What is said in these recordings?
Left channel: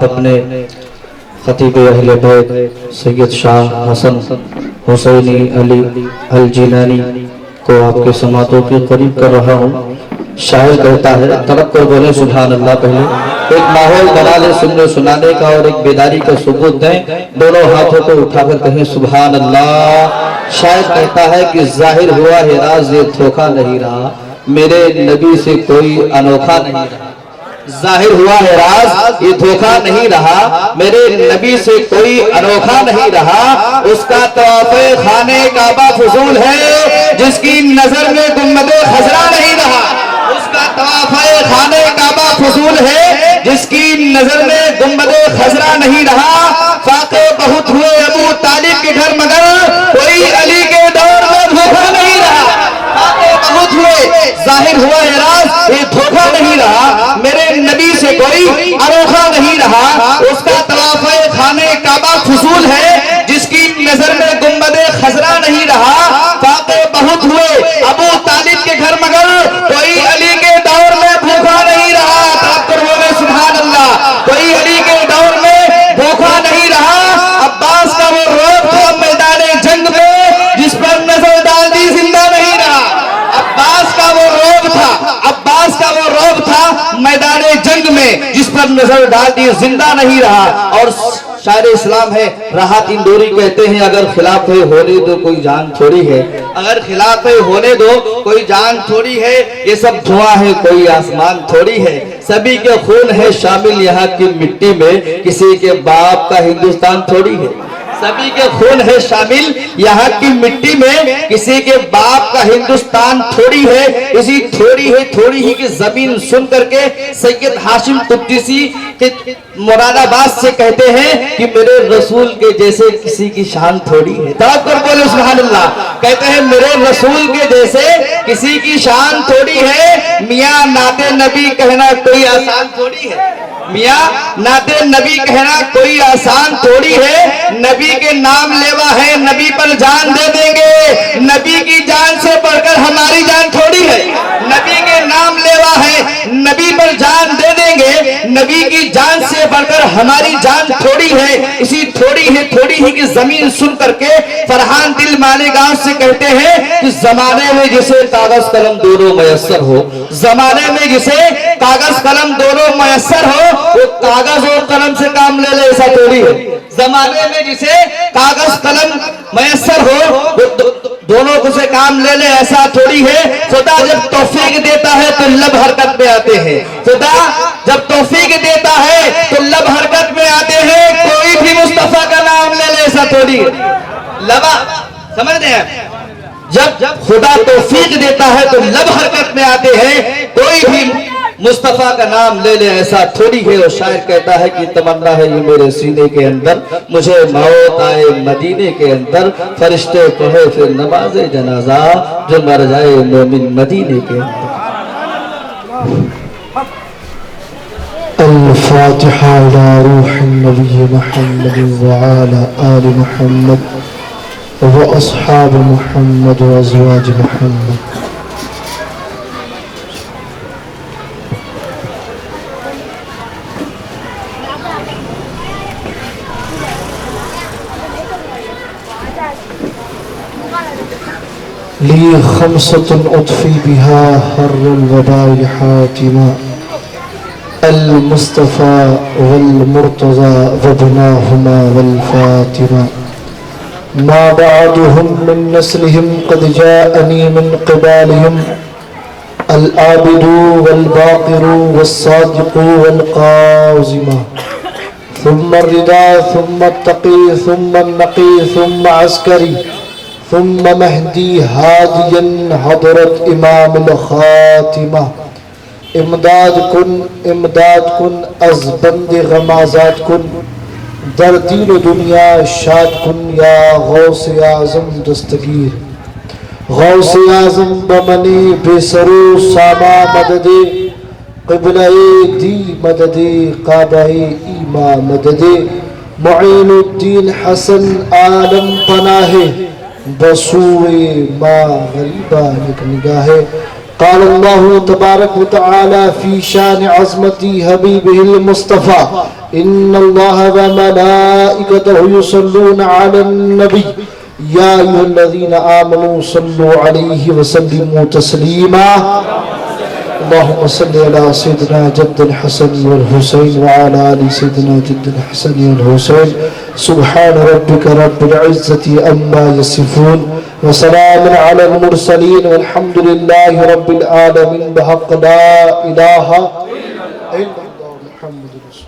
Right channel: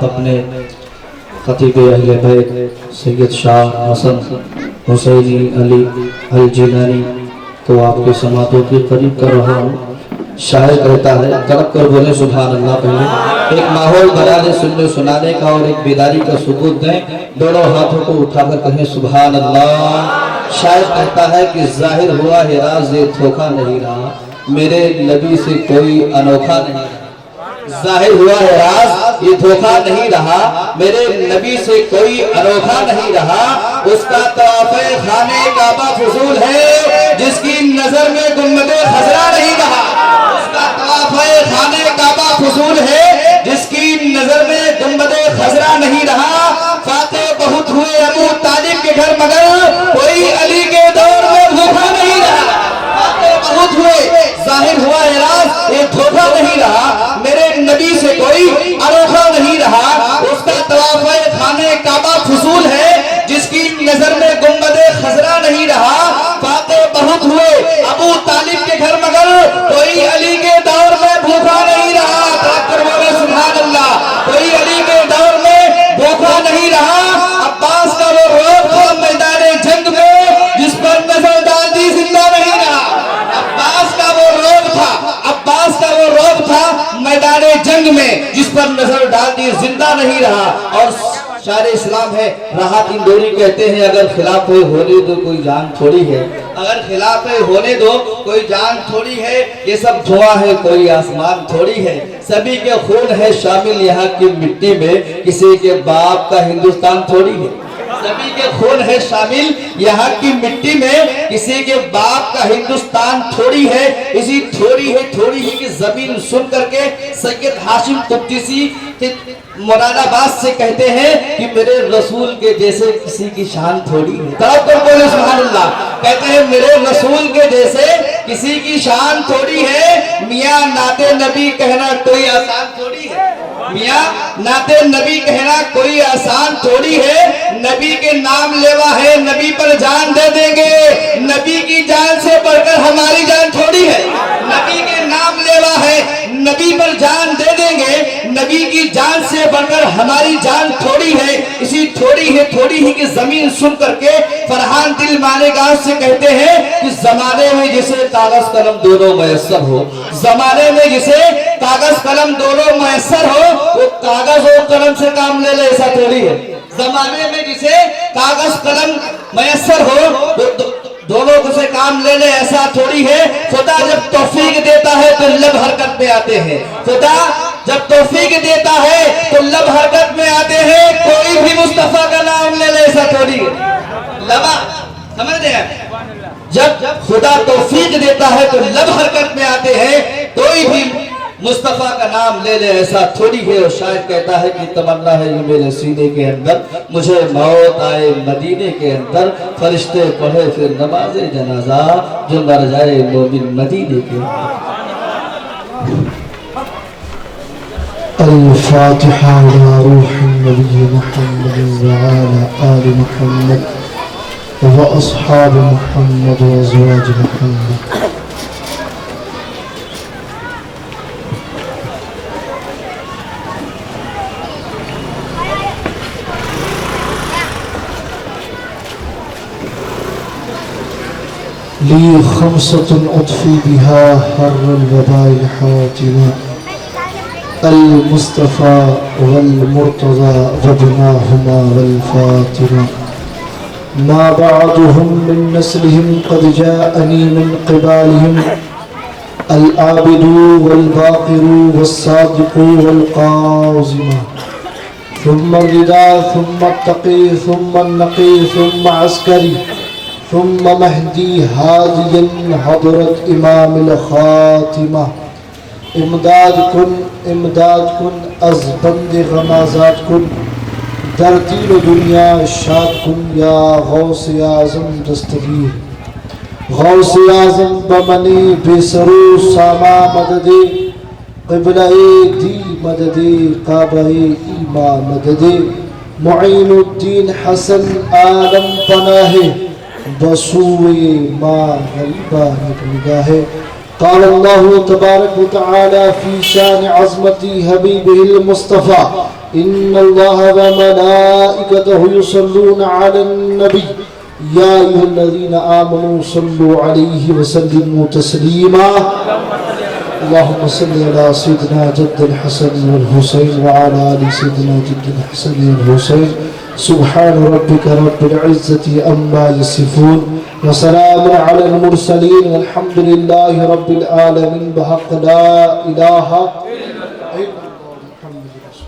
بعد اپنے خطیب اہل بیت سید شاہ حسن حسینی علی الجیلانی کو آپ کے سماعتوں کے قریب کر رہا ہوں۔ شاعر کہتا ہے، تڑپ کر بولے سبحان اللہ، پہلے ایک ماحول بنا لیں سننے سنانے کا اور ایک بیداری کا ثبوت دیں، دونوں ہاتھوں کو اٹھا کر کہیں سبحان اللہ۔ شاعر کہتا ہے کہ ظاہر ہوا ہے راز یہ دھوکہ نہیں رہا، میرے نبی سے کوئی انوکھا نہیں رہا۔ ظاہر ہوا ہے راز یہ دھوکہ نہیں رہا، میرے نبی سے کوئی انوکھا نہیں رہا۔ اس کا طواف خانے کعبہ فضول ہے، جس کی نظر میں گنبد خضرا نہیں رہا۔ اس کا طواف خانے کعبہ فضول ہے، جس کی نظر میں گنبد خضرا نہیں رہا۔ فاقے بہت ہوئے ابو طالب کے گھر مگر کوئی علی کے دور میں بھوکا نہیں رہا۔ فاقے بہت ہوئے، ظاہر ہوا ہے راز یہ دھوکہ نہیں رہا، میرے نبی سے کوئی انوکھا نہیں رہا۔ اس کا طواف خانے کعبہ فضول ہے، جس کی نظر میں گنبد خضرا نہیں رہا۔ فاقے بہت ہوئے ابو طالب کے گھر مگر کوئی علی کے دور میں بھوکا نہیں رہا۔ سبحان اللہ، کوئی علی کے دور میں بھوکا نہیں رہا۔ عباس کا وہ روب تھا میدان جنگ میں، جس پر نظر ڈال دی زندہ نہیں رہا۔ عباس کا وہ روب تھا، عباس کا وہ روب تھا میدان جنگ میں، جس پر نظر ڈال دی زندہ نہیں رہا۔ اور شاعر اسلام ہے راحت اندوری کہتے ہیں، اگر خلاف ہونے دو کوئی جان تھوڑی ہے، اگر خلاف ہونے دو کوئی جان تھوڑی ہے، یہ سب دھواں ہے کوئی آسمان تھوڑی ہے۔ سبھی کے خون ہے شامل یہاں کی مٹی میں، کسی کے باپ کا ہندوستان تھوڑی ہے۔ سبھی کے خون ہے شامل یہاں کی مٹی میں، کسی کے باپ کا ہندوستان تھوڑی ہے۔ اسی تھوڑی ہی کی زمین سن کر کے سید ہاشم قدسی مراد آباد سے کہتے ہیں کہ میرے رسول کے جیسے کسی کی شان تھوڑی ہے۔ تڑپ کر بولے سبحان اللہ، کہتے ہیں میرے رسول کے جیسے کسی کی شان تھوڑی ہے۔ میاں نعت نبی کہنا کوئی آسان تھوڑی ہے، میاں نعت نبی کہنا کوئی آسان تھوڑی ہے۔ نبی کے نام لیوا ہے، نبی پر جان دے دیں گے، نبی کی جان سے بڑھ کر ہماری جان تھوڑی ہے۔ نبی کے نام لیوا ہے، نبی پر جان دے دیں گے، نبی کی جان سے بڑھ کر ہماری جان تھوڑی ہے۔ اسی تھوڑی ہی کی زمین سن کر کے فرحان دل مالیگاؤں سے کہتے ہیں کہ زمانے میں جسے کاغذ قلم دونوں میسر ہو، زمانے میں جسے کاغذ قلم دونوں میسر ہو، وہ کاغذ اور قلم سے کام لے لے ایسا تھوڑی ہے۔ زمانے میں جسے کاغذ قلم میسر ہو، دونوں کو سے کام لے لے ایسا تھوڑی ہے۔ خدا جب توفیق دیتا ہے تو لب حرکت میں آتے ہیں، خدا جب توفیق دیتا ہے تو لب حرکت میں آتے ہیں۔ کوئی بھی مصطفیٰ کا نام لے لے ایسا تھوڑی ہے۔ لبا سمجھتے ہیں، جب خدا توفیق دیتا ہے تو لب حرکت میں آتے ہیں، کوئی بھی مصطفیٰ کا نام لے لے ایسا تھوڑی ہے۔ اور شاعر کہتا ہے کہ تمنا ہے یہ میرے سینے کے اندر، مجھے موت آئے مدینے کے اندر، فرشتے کہے پھر نماز جنازہ جو مر جائے مومن مدینے کے اندر۔ الفاتحة إلى روح النبي محمد وعلى آل محمد وأصحاب محمد وأزواج محمد۔ لي خمسة أطفي بها حر الوباء حاتما، المصطفى والمرتضى وابناهما والفاطمة، ما بعضهم من نسلهم قد جاءني من قبالهم، العابد والباقر والصادق والقازم، ثم الرداء ثم التقي ثم النقي ثم عسكري ثم مهدي هاديا حضرت امام الخاتمة۔ امداد کن از بند غمازات کن، در دین و دنیا شاد کن یا غوث اعظم دستگیر، غوث اعظم بمنی بے سرو ساما مدد، قبلہ دی مدد، کعبہ ایما مدد، معین الدین حسن عالم پناہ، بسوئے ما غریبہ نگاہ، قال الله تبارك وتعالى في شان عظمة حبيبه المصطفى إن الله وملائكته يصلون على النبي يا أيها الذين آمنوا صلوا عليه وسلموا تسليما اللهم صل على سيدنا جد الحسن والحسين وعلى آل سيدنا جد الحسن والحسين سبحان ربك رب العزة عما يصفون وسلام على المرسلين والحمد لله رب العالمين بحق لا إله إلا الله محمد رسول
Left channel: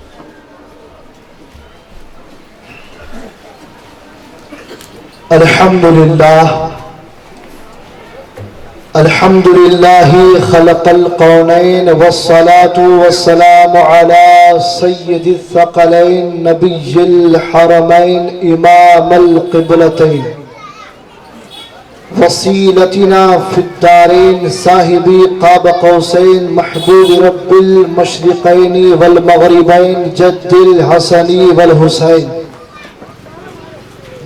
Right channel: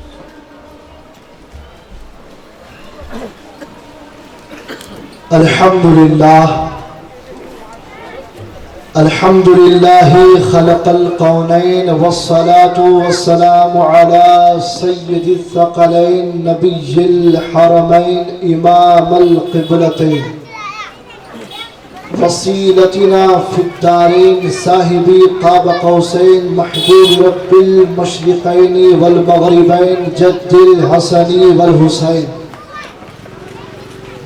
الله الحمد لله خلق الكونين والصلاة والسلام على سيد الثقلين نبي الحرمين إمام القبلتين وسيلتنا في الدارين صاحب قاب قوسين محبوب رب المشرقين والمغربين جد الحسن والحسين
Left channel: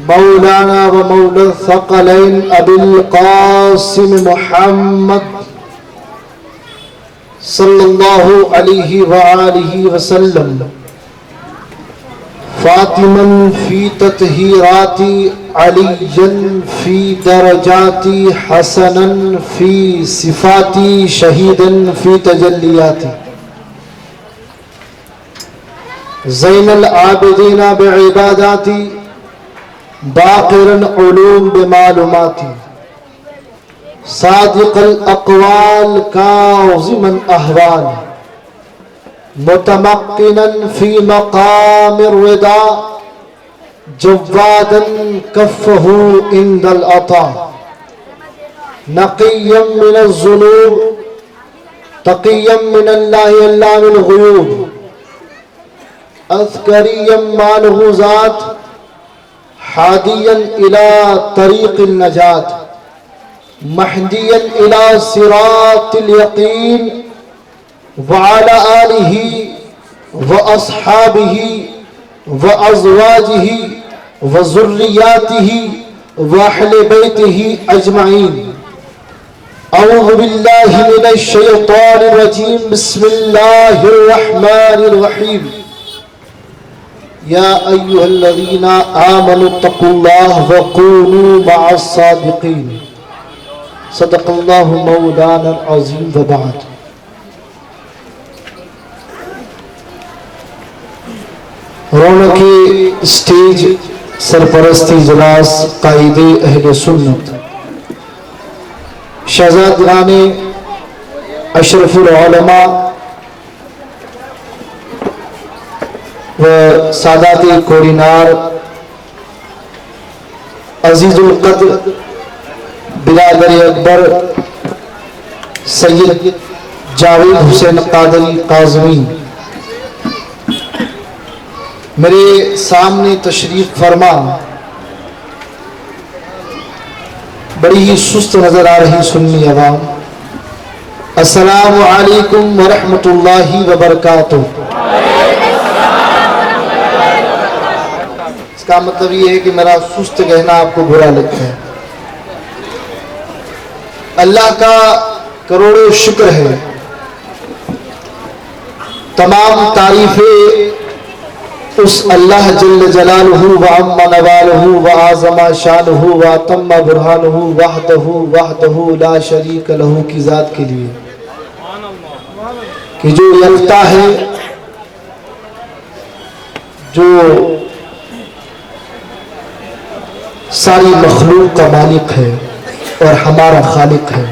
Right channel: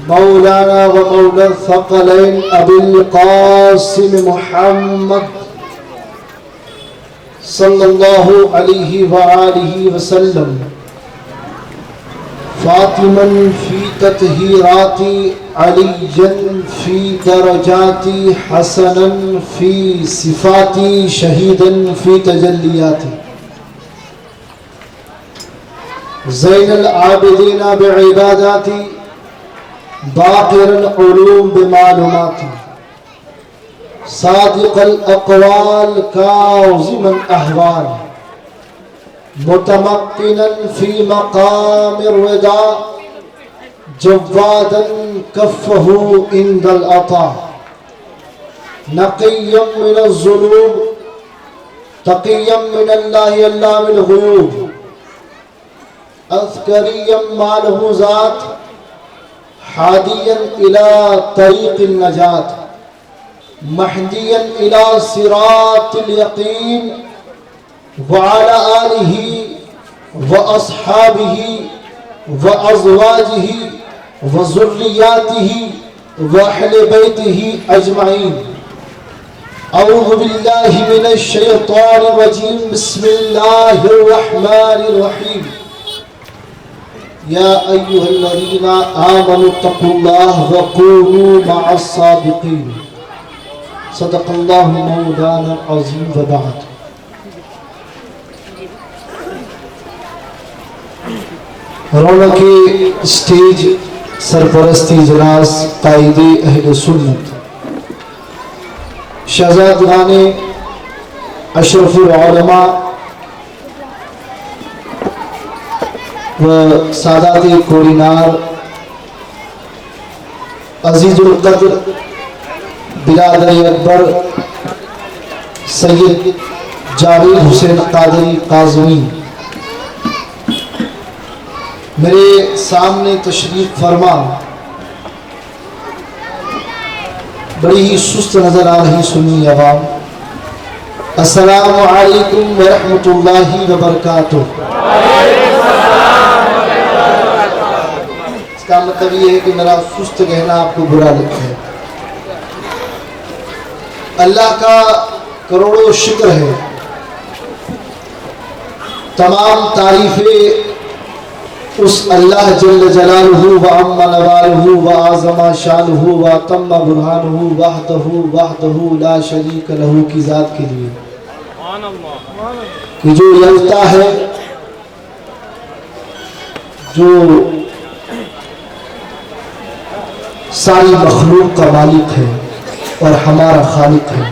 مولانا ومولى الثقلين أبي القاسم محمد صلى الله عليه وآله وسلم فاطما في تطهيرات عليا في درجات حسنا في صفات شهيدا في تجليات زين العابدين بعبادات باقر علوم بمعلومات صادق الأقوال كاظم الأهوال متمكنا في مقام الرضا جوادا كفه عند العطاء نقيا من الذنوب تقيا من الله علام الغيوب أذكريا ما له ذات حاديا إلى طريق النجاة مهديا إلى صراط اليقين وعلى آله وأصحابه وأزواجه وذرياته وأهل بيته أجمعين أعوذ بالله من الشيطان الرجيم بسم الله الرحمن الرحيم يا أيها الذين آمنوا اتقوا الله وكونوا مع الصادقين صدق الله مولانا العظيم وبعد رونق اسٹیج سرپرستی جلاس قائد اہل سنت شہزادگان اشرف العلماء و سادات کورینار عزیز القدر برادر اکبر سید جاوید حسین قادری قازمی میرے سامنے تشریف فرما بڑی ہی سست نظر آ رہی سنی عوام السلام علیکم ورحمۃ اللہ وبرکاتہ. اس کا مطلب یہ ہے کہ میرا سست کہنا آپ کو برا لگتا ہے. اللہ کا کروڑوں شکر ہے, تمام تعریفیں اس اللہ جل جلالہ و عم نوالہ و اعظم شانہ و اتم برہانہ وحدہ لا شریک لہ کی ذات کے لیے کہ جو یکتا ہے, جو ساری مخلوق کا مالک ہے اور ہمارا خالق ہے.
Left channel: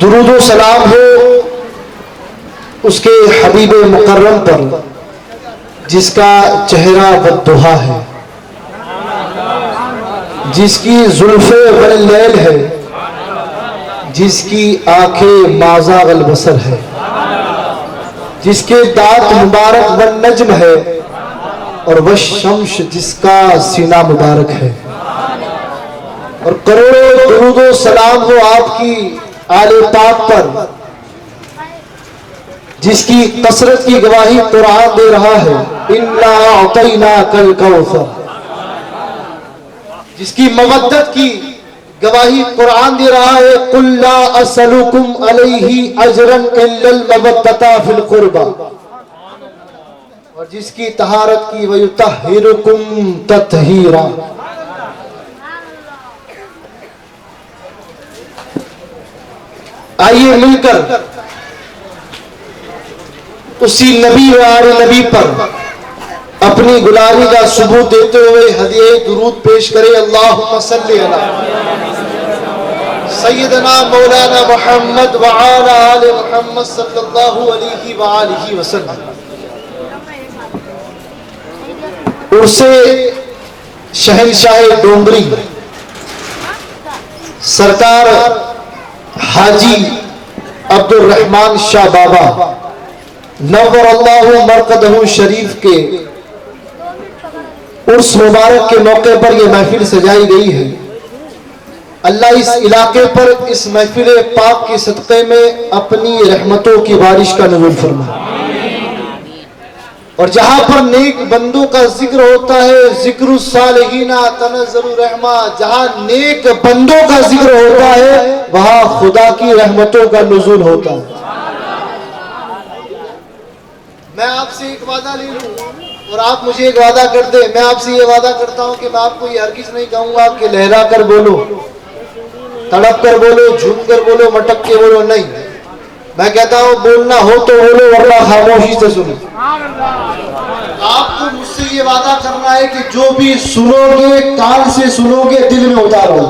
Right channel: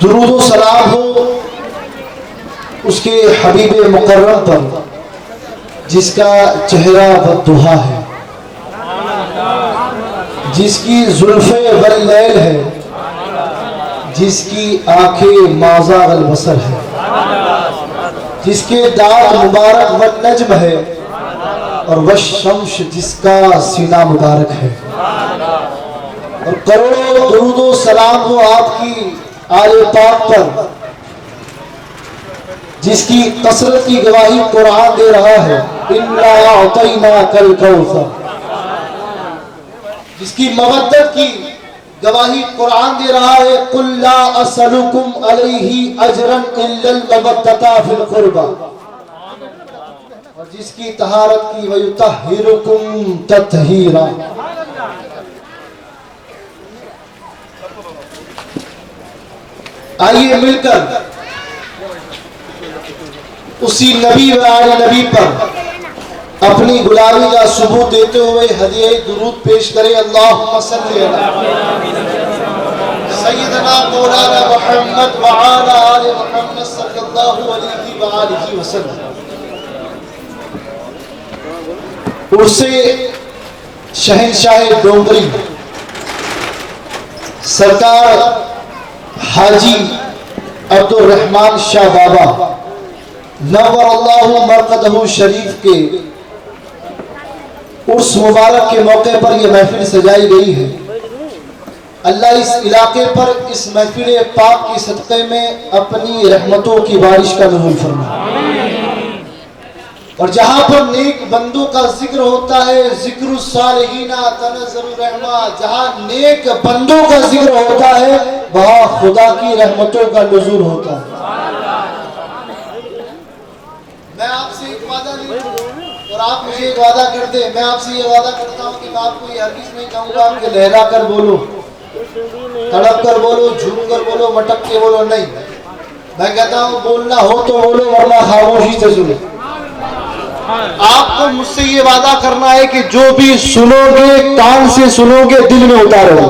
درود و سلام ہو اس کے حبیب مکرم پر جس کا چہرہ والضحا ہے, جس کی زلفیں واللیل ہے, جس کی آنکھیں مازاغ البصر ہے, جس کے دانت مبارک والنجم ہے, اور والشمس جس کا سینہ مبارک ہے. اور کروڑوں درود و سلام ہو آپ کی آل پاک پر جس کی کثرت کی گواہی قرآن دے رہا ہے, اِنَّا أَعْطَيْنَاكَ الْكَوْثَرَ, جس کی مودت کی گواہی قرآن دے رہا ہے قُلْ لَا أَسْأَلُكُمْ عَلَيْهِ أَجْرًا إِلَّا الْمَوَدَّةَ فِي الْقُرْبَى، اور جس کی طہارت کی وَيُطَهِّرُكُمْ تَطْهِيرًا۔ آئیے مل کر اسی نبی و آل نبی پر اپنی غلامی کا ثبوت دیتے ہوئے ہدیہ درود پیش کرے۔ اللہم صلی علی سیدنا مولانا محمد وعلی آل محمد صلی اللہ علیہ وآلہ وسلم۔ عرص شہنشاہ ڈومری سرکار حاجی عبد الرحمن شاہ بابا نور اللہ مرقدہ شریف کے عرس مبارک کے موقع پر یہ محفل سجائی گئی ہے۔ اللہ اس علاقے پر اس محفل پاک کے صدقے میں اپنی رحمتوں کی بارش کا نزول فرمائے، اور جہاں پر نیک بندوں کا ذکر ہوتا ہے ذکر الصالحین تنزل الرحمہ، جہاں نیک بندوں کا ذکر ہوتا ہے وہاں خدا کی رحمتوں کا نزول ہوتا ہے۔ میں آپ سے ایک وعدہ لے لوں اور آپ مجھے ایک وعدہ کر دیں۔ میں آپ سے یہ وعدہ کرتا ہوں کہ میں آپ کو یہ ہرگز نہیں کہوں گا کہ لہرا کر بولو، تڑپ کر بولو، جھوم کر بولو، مٹک کے بولو، نہیں۔ میں کہتا ہوں بولنا ہو تو بولو ورنہ خاموشی سے سنو۔ آپ کو مجھ سے یہ وعدہ کرنا ہے کہ جو بھی سنو گے کان سے سنو گے دل میں اتارو،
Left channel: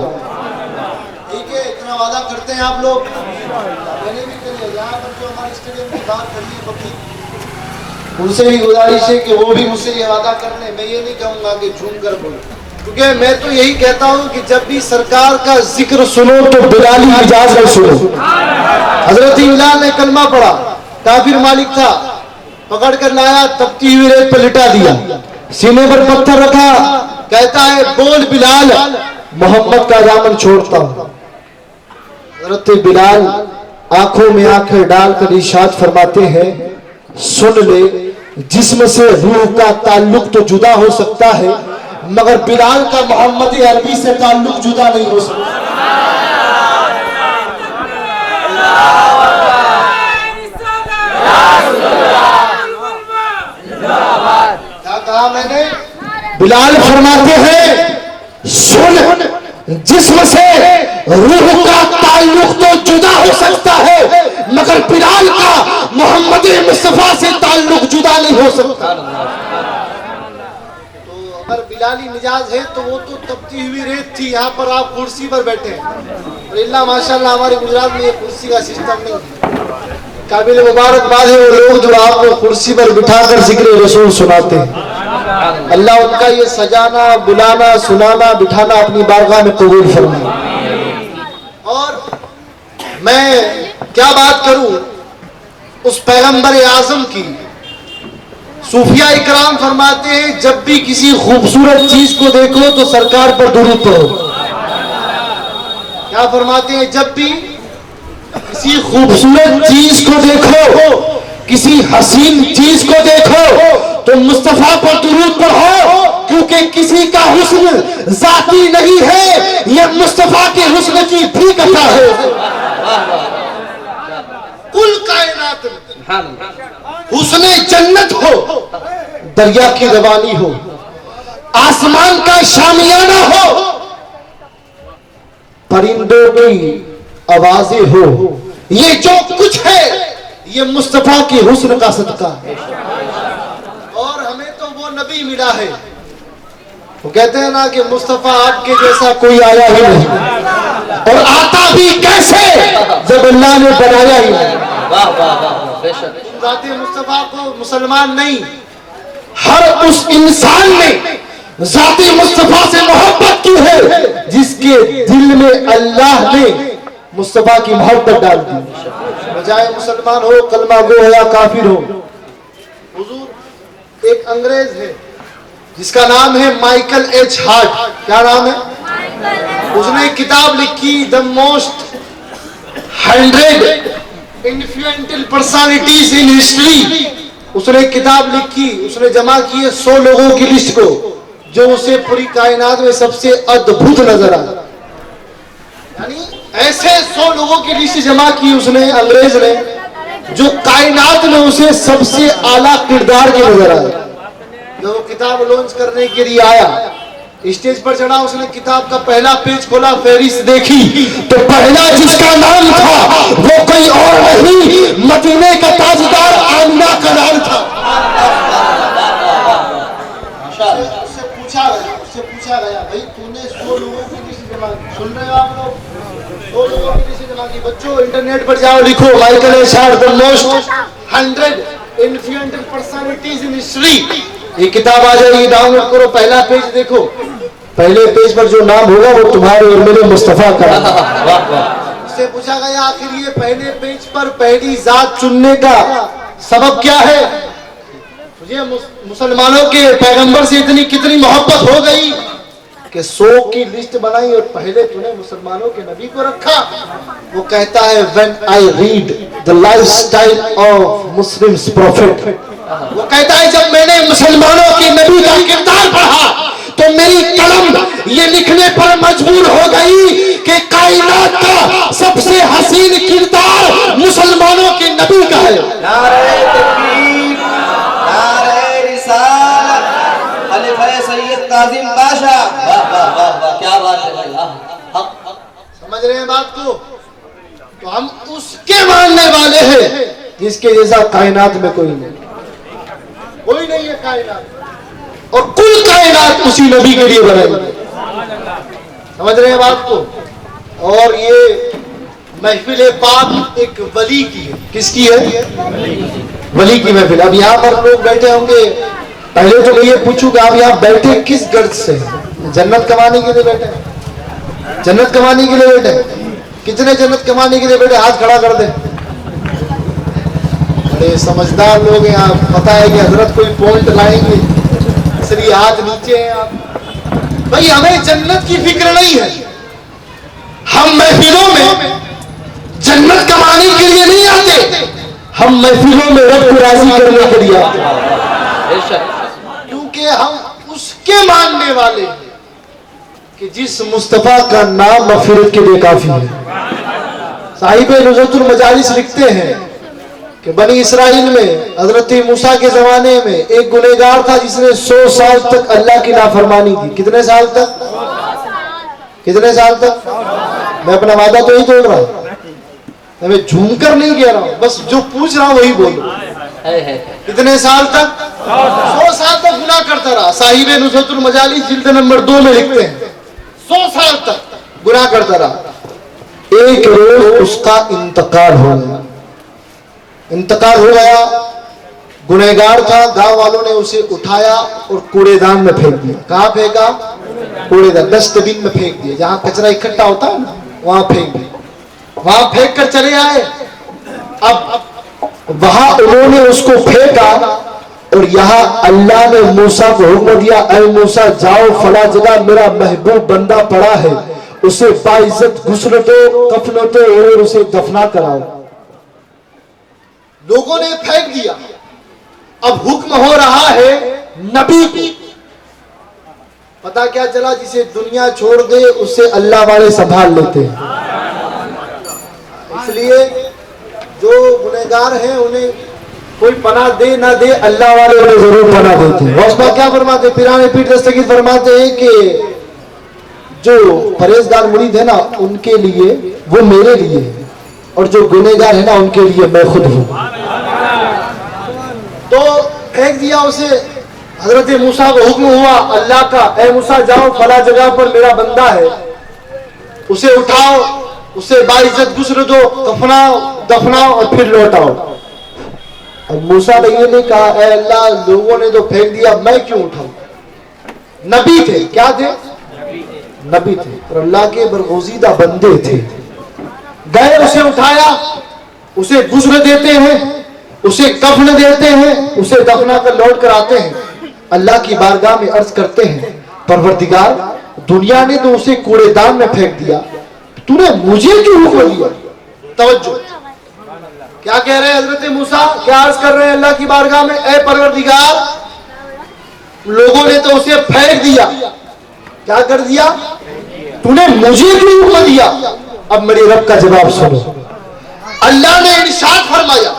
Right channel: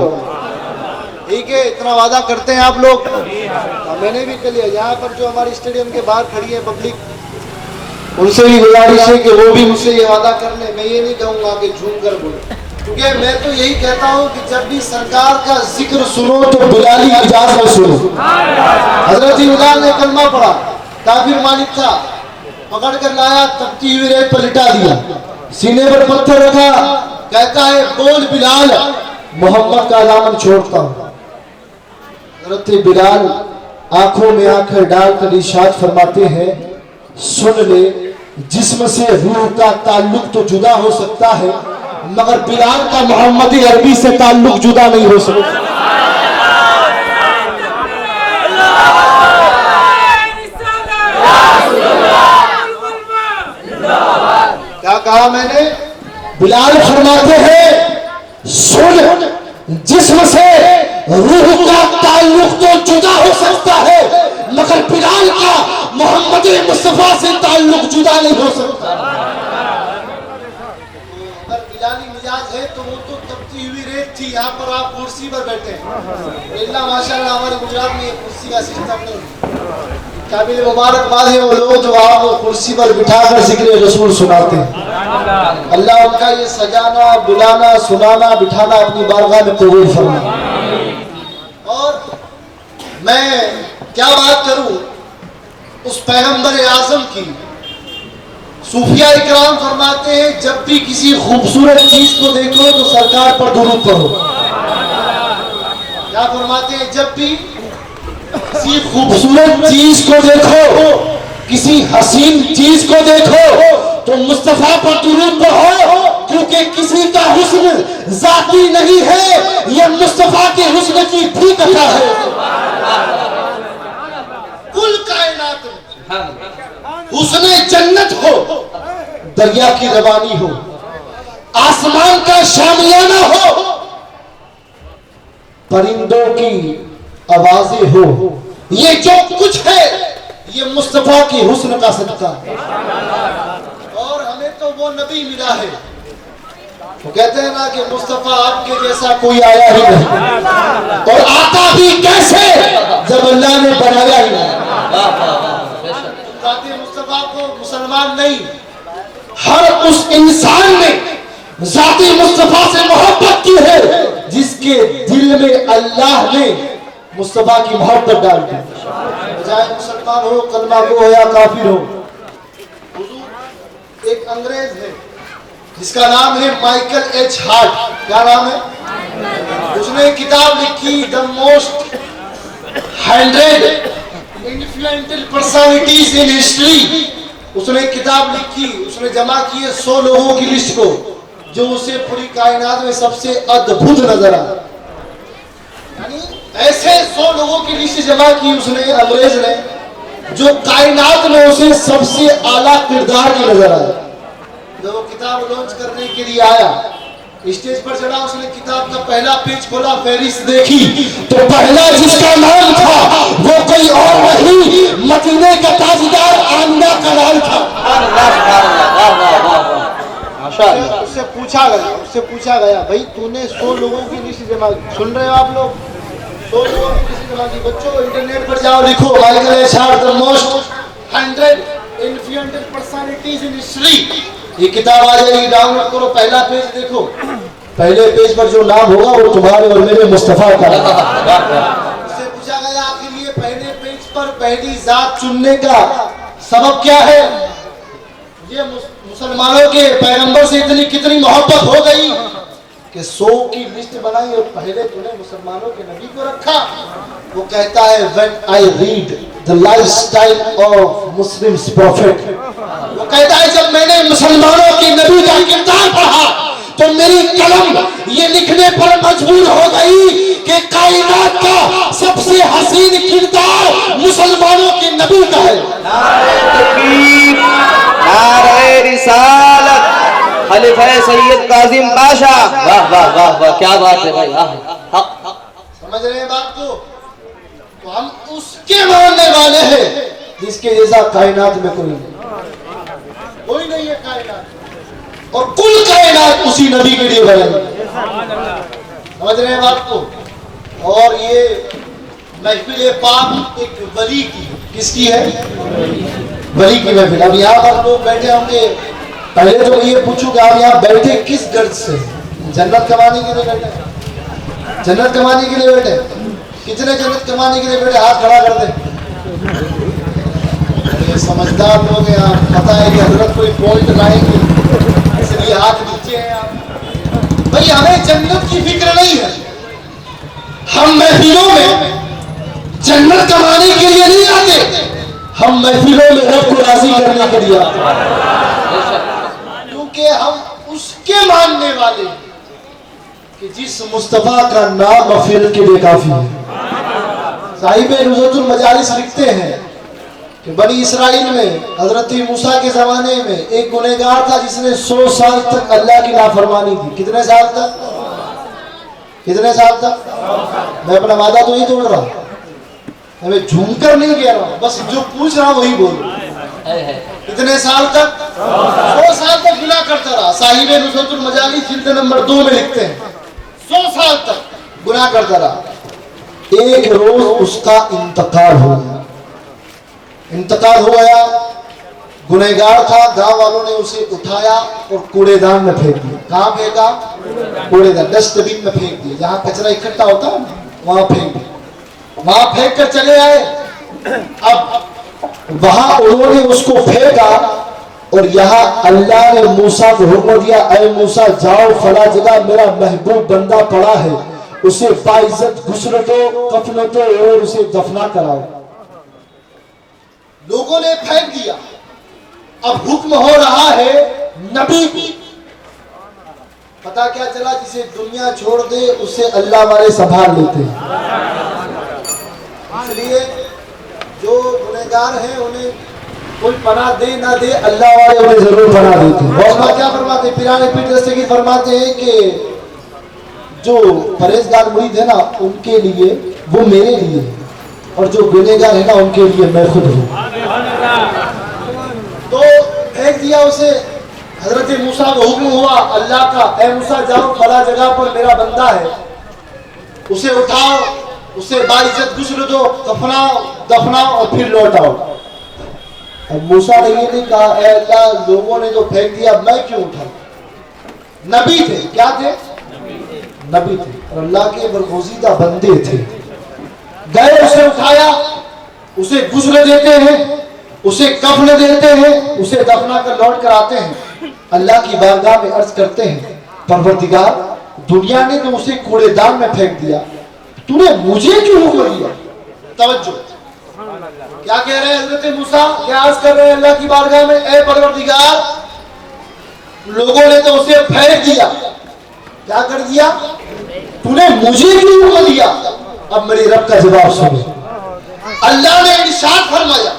ٹھیک ہے؟ اتنا وعدہ کرتے ہیں آپ لوگ؟ میں نے بھی کہا یہاں پر جو ہمارے اسٹیڈیم کے باہر کھڑی ہے پبلک، ان سے بھی گزارش ہے کہ وہ بھی مجھ سے یہ وعدہ کر لیں۔ میں یہ نہیں کہوں گا کہ جھوم کر بولو، کیونکہ میں تو یہی کہتا ہوں کہ جب بھی سرکار کا ذکر سنو تو بلالی مجاز میں سنو۔ حضرت بلال نے کلمہ پڑھا، کافر مالک تھا، پکڑ کر لایا، تپتی ہوئی ریت پر لٹا دیا، سینے پر پتھر رکھا، کہتا ہے بول بلال محمد کا دامن چھوڑتا ہوں۔ حضرت بلال آنکھوں میں آنکھیں ڈال کر ارشاد فرماتے ہیں سن لے، جسم سے روح کا تعلق تو جدا ہو سکتا ہے مگر بلال کا محمد عربی سے تعلق جدا نہیں ہو سکتا۔ کیا کہا میں نے؟ بلال فرماتے ہیں سن، جسم سے روح کا تعلق تو جدا ہو سکتا ہے مگر بلال کا محمد مصطفیٰ سے تعلق جدا نہیں ہو سکتا۔ اگر بلالی مجاز ہے تو وہ تو تپتی ہوئی ریت تھی، یہاں پر آپ کرسی پر بیٹھے ہیں، اللہ ماشاءاللہ ہمارے گجرات میں یہ کرسی کا سسٹم نہیں ہے۔ قابل مبارکباد ہے وہ لوگ جو آپ کو کرسی پر بٹھا کر ذکر رسول سناتے ہیں۔ اللہ ان کا یہ سجانا، بلانا، سنانا، بٹھانا اپنی بارگاہ میں قبول فرمائے۔ اور میں کیا بات کروں اس پیغمبر اعظم کی۔ صوفیہ اکرام فرماتے ہیں جب بھی کسی خوبصورت چیز کو دیکھو تو سرکار پر درود پڑھو۔ کیا فرماتے ہیں؟ جب بھی کسی خوبصورت چیز کو دیکھو، کسی حسین چیز کو دیکھو تو مصطفیٰ پر درود پڑھو، کیونکہ کسی کا حسن ذاتی نہیں ہے، یہ مصطفیٰ کے حسن کی بھی کتھا ہے۔ کل کائنات حسن جنت ہو، دریا کی روانی ہو، آسمان کا شامیانہ ہو، پرندوں کی آوازیں ہو، یہ جو کچھ ہے یہ مصطفیٰ کی حسن کا صدقہ ہے۔ اور ہمیں تو وہ نبی ملا ہے، وہ کہتے ہیں نا کہ مصطفیٰ آپ کے جیسا کوئی آیا ہی نہیں، اور آتا بھی کیسے جب اللہ نے بنایا ہی نہیں۔ ذات مصطفیٰ کو مسلمان نہیں، ہر اس انسان نے ذات مصطفیٰ سے محبت کی ہے جس کے دل میں اللہ نے مصطفیٰ کی محبت ڈال دی، بجائے مسلمان ہو، کلمہ گو ہو یا کافر ہو۔ حضور ایک انگریز ہے جس کا نام ہے مائیکل ایچ ہارٹ۔ کیا نام ہے؟ اس نے کتاب لکھی The Most 100 Influential Personalities in History۔ اس نے کتاب لکھی، اس نے جمع کی 100 لوگوں کی لسٹ کو جو اسے پوری کائنات میں سب سے ادبھت نظر آئے۔ یعنی ایسے 100 لوگوں کی لسٹ جمع کی اس نے انگریز نے جو کائنات میں اسے سب سے اعلیٰ کردار کی نظر آئی. جو وہ کتاب لانچ کرنے کے لیے آیا, اسٹیج پر چڑھا, اس نے کتاب کا پہلا پیج کھولا, فہرست دیکھی تو پہلا جس کا نام تھا وہ کوئی اور نہیں, مدینے کا تاجدار آمنہ کا نام تھا. اس سے پوچھا گیا بھائی تو نے 100 لوگوں کی لسٹ جمع کی, سن رہے ہو آپ لوگ, 100 لوگوں کی لسٹ جمع کی. بچوں انٹرنیٹ پر جاؤ, لکھو Michael ایشار the most 100 influential personalities in history, یہ کتاب آ جائے گی, ڈاؤن لوڈ کرو, پہلا پیج دیکھو, پہلے پیج پر جو نام ہوگا وہ تمہارے اور میرے مصطفیٰ کا. اس سے پوچھا گیا آخر یہ پہلے پیج پر پہلی ذات چننے کا سبب کیا ہے؟ یہ مسلمانوں کے پیغمبر سے اتنی کتنی محبت ہو گئی کہ 100 کی لسٹ بنائی اور پہلے تو نے مسلمانوں کے نبی کو رکھا. وہ کہتا ہے when I read the lifestyle of Muslims prophet, وہ کہتا ہے جب میں نے مسلمانوں کے نبی کا کردار پڑھا تو میری قلم یہ لکھنے پر مجبور ہو گئی کہ کائنات کا سب سے حسین کردار مسلمانوں کے نبی کا ہے. نعرہ تکبیر, نعرہ رسالت, خلیفہ سید کاظم باشا. واہ واہ واہ واہ, کیا بات ہے بھائی, سمجھ رہے ہیں بات کو؟ تو ہم اس کے ماننے والے ہیں جس کے جیسا کائنات میں کوئی نہیں ہے کائنات, اور کل کائنات اسی نبی کے لیے بنے. سمجھ رہے ہیں بات کو؟ اور یہ محفل پاک ایک ولی کی ہے. کس کی ہے؟ ولی کی محفل. اب یہاں پر لوگ بیٹھے ہوں گے, پہلے تو میں یہ پوچھوں کہ آپ یہاں بیٹھے کس غرض سے؟ جنت کمانے کے لیے بیٹھے؟ جنت کمانے کے لیے بیٹھے؟ کتنے جنت کمانے کے لیے بیٹھے؟ ہاتھ کھڑا کر دیں. سمجھدار لوگ ہیں, آپ پتہ ہے کہ حضرت کوئی پوائنٹ لائیں گے اس لیے ہاتھ نیچے ہیں آپ. بھائی ہمیں جنت کی فکر نہیں ہے, ہم محفلوں میں جنت کمانے کے لیے نہیں آتے, ہم محفلوں میں رب کو راضی کرنے کے لیے آتے ہیں, کیونکہ ہم اس کے ماننے والے ہیں کہ جس مصطفیٰ کا نام مغفرت کے لیے کافی ہے. صاحب نزہۃ المجالس لکھتے ہیں کہ بنی اسرائیل میں حضرت موسیٰ کے زمانے میں ایک گنہگار تھا جس نے 100 سال تک اللہ کی نافرمانی کی. کتنے سال تک؟ کتنے سال تک؟ میں اپنا وعدہ تو نہیں توڑ رہا, میں جھوم کر نہیں کہہ رہا ہوں, بس جو پوچھ رہا ہوں وہی بول رہا ہوں. کتنے سال تک؟ 100 سال تک گناہ کرتا رہا. صاحب نزہۃ المجالس جلد نمبر 2 میں لکھتے ہیں 100 سال تک گناہ کرتا رہا. ایک روز اس کا انتقال ہو گیا. انتقال ہو گیا, گنہگار تھا, گاؤں والوں نے اسے اٹھایا اور کوڑے دان میں پھینک دیا. کہاں پھینکا؟ کوڑے دان, ڈسٹ بن میں پھینک دیا, جہاں کچرا اکٹھا ہوتا ہے نا وہاں پھینک دیا. وہاں پھینک کر چلے آئے. اب وہاں انہوں نے اس کو پھینکا اور یہاں اللہ نے موسیٰ کو حکم دیا, اے موسیٰ جاؤ فلاں جگہ میرا محبوب بندہ پڑا ہے, اسے باعزت غسل دو, کفن دو اور اسے دفنا کراؤ. لوگوں نے پھینک دیا. اب حکم ہو رہا ہے نبی کی. پتا کیا چلا, جسے دنیا چھوڑ دے اسے اللہ والے سنبھال لیتے ہیں. اس لیے جو گنہگار ہیں انہیں کوئی پناہ دے نہ دے, اللہ والے انہیں ضرور پناہ دیتے ہیں. غوث پاک کیا فرماتے ہیں؟ پیران پیر دستگیر فرماتے ہیں کہ جو پرہیزگار مرید ہے نا ان کے لیے وہ میرے لیے, اور جو گنہگار ہے نا ان کے لیے میں خود ہوں. تو پھینک دیا اسے. حضرت موسیٰ کو حکم ہوا اللہ کا, اے موسیٰ جاؤ فلاں جگہ پر میرا بندہ ہے, اسے اٹھاؤ, اسے باعزت غسل دو, کفناؤ, دفناؤ اور پھر لوٹاؤ. اب موسیٰ نے یہ نہیں کہا اے اللہ لوگوں نے تو پھینک دیا میں کیوں اٹھاؤں. نبی تھے. کیا تھے؟ نبی تھے اور اللہ کے برگزیدہ بندے تھے. گئے, اسے اٹھایا, اسے غسل دیتے ہیں, اسے کفن دیتے ہیں, اسے دفنا کر لوٹ کر آتے ہیں. اللہ کی بارگاہ میں عرض کرتے ہیں پروردگار دنیا نے تو اسے کوڑے دان میں پھینک دیا, تو نے مجھے کیوں حکم دیا؟ توجہ, کیا کہہ رہے ہیں حضرت موسیٰ؟ کیا عرض کر رہے ہیں اللہ کی بارگاہ میں, اے پروردگار لوگوں نے تو اسے پھینک دیا, کیا کر دیا؟ تو نے مجھے کیوں حکم دیا؟ اب میری رب کا جواب سنو. اللہ نے ارشاد فرمایا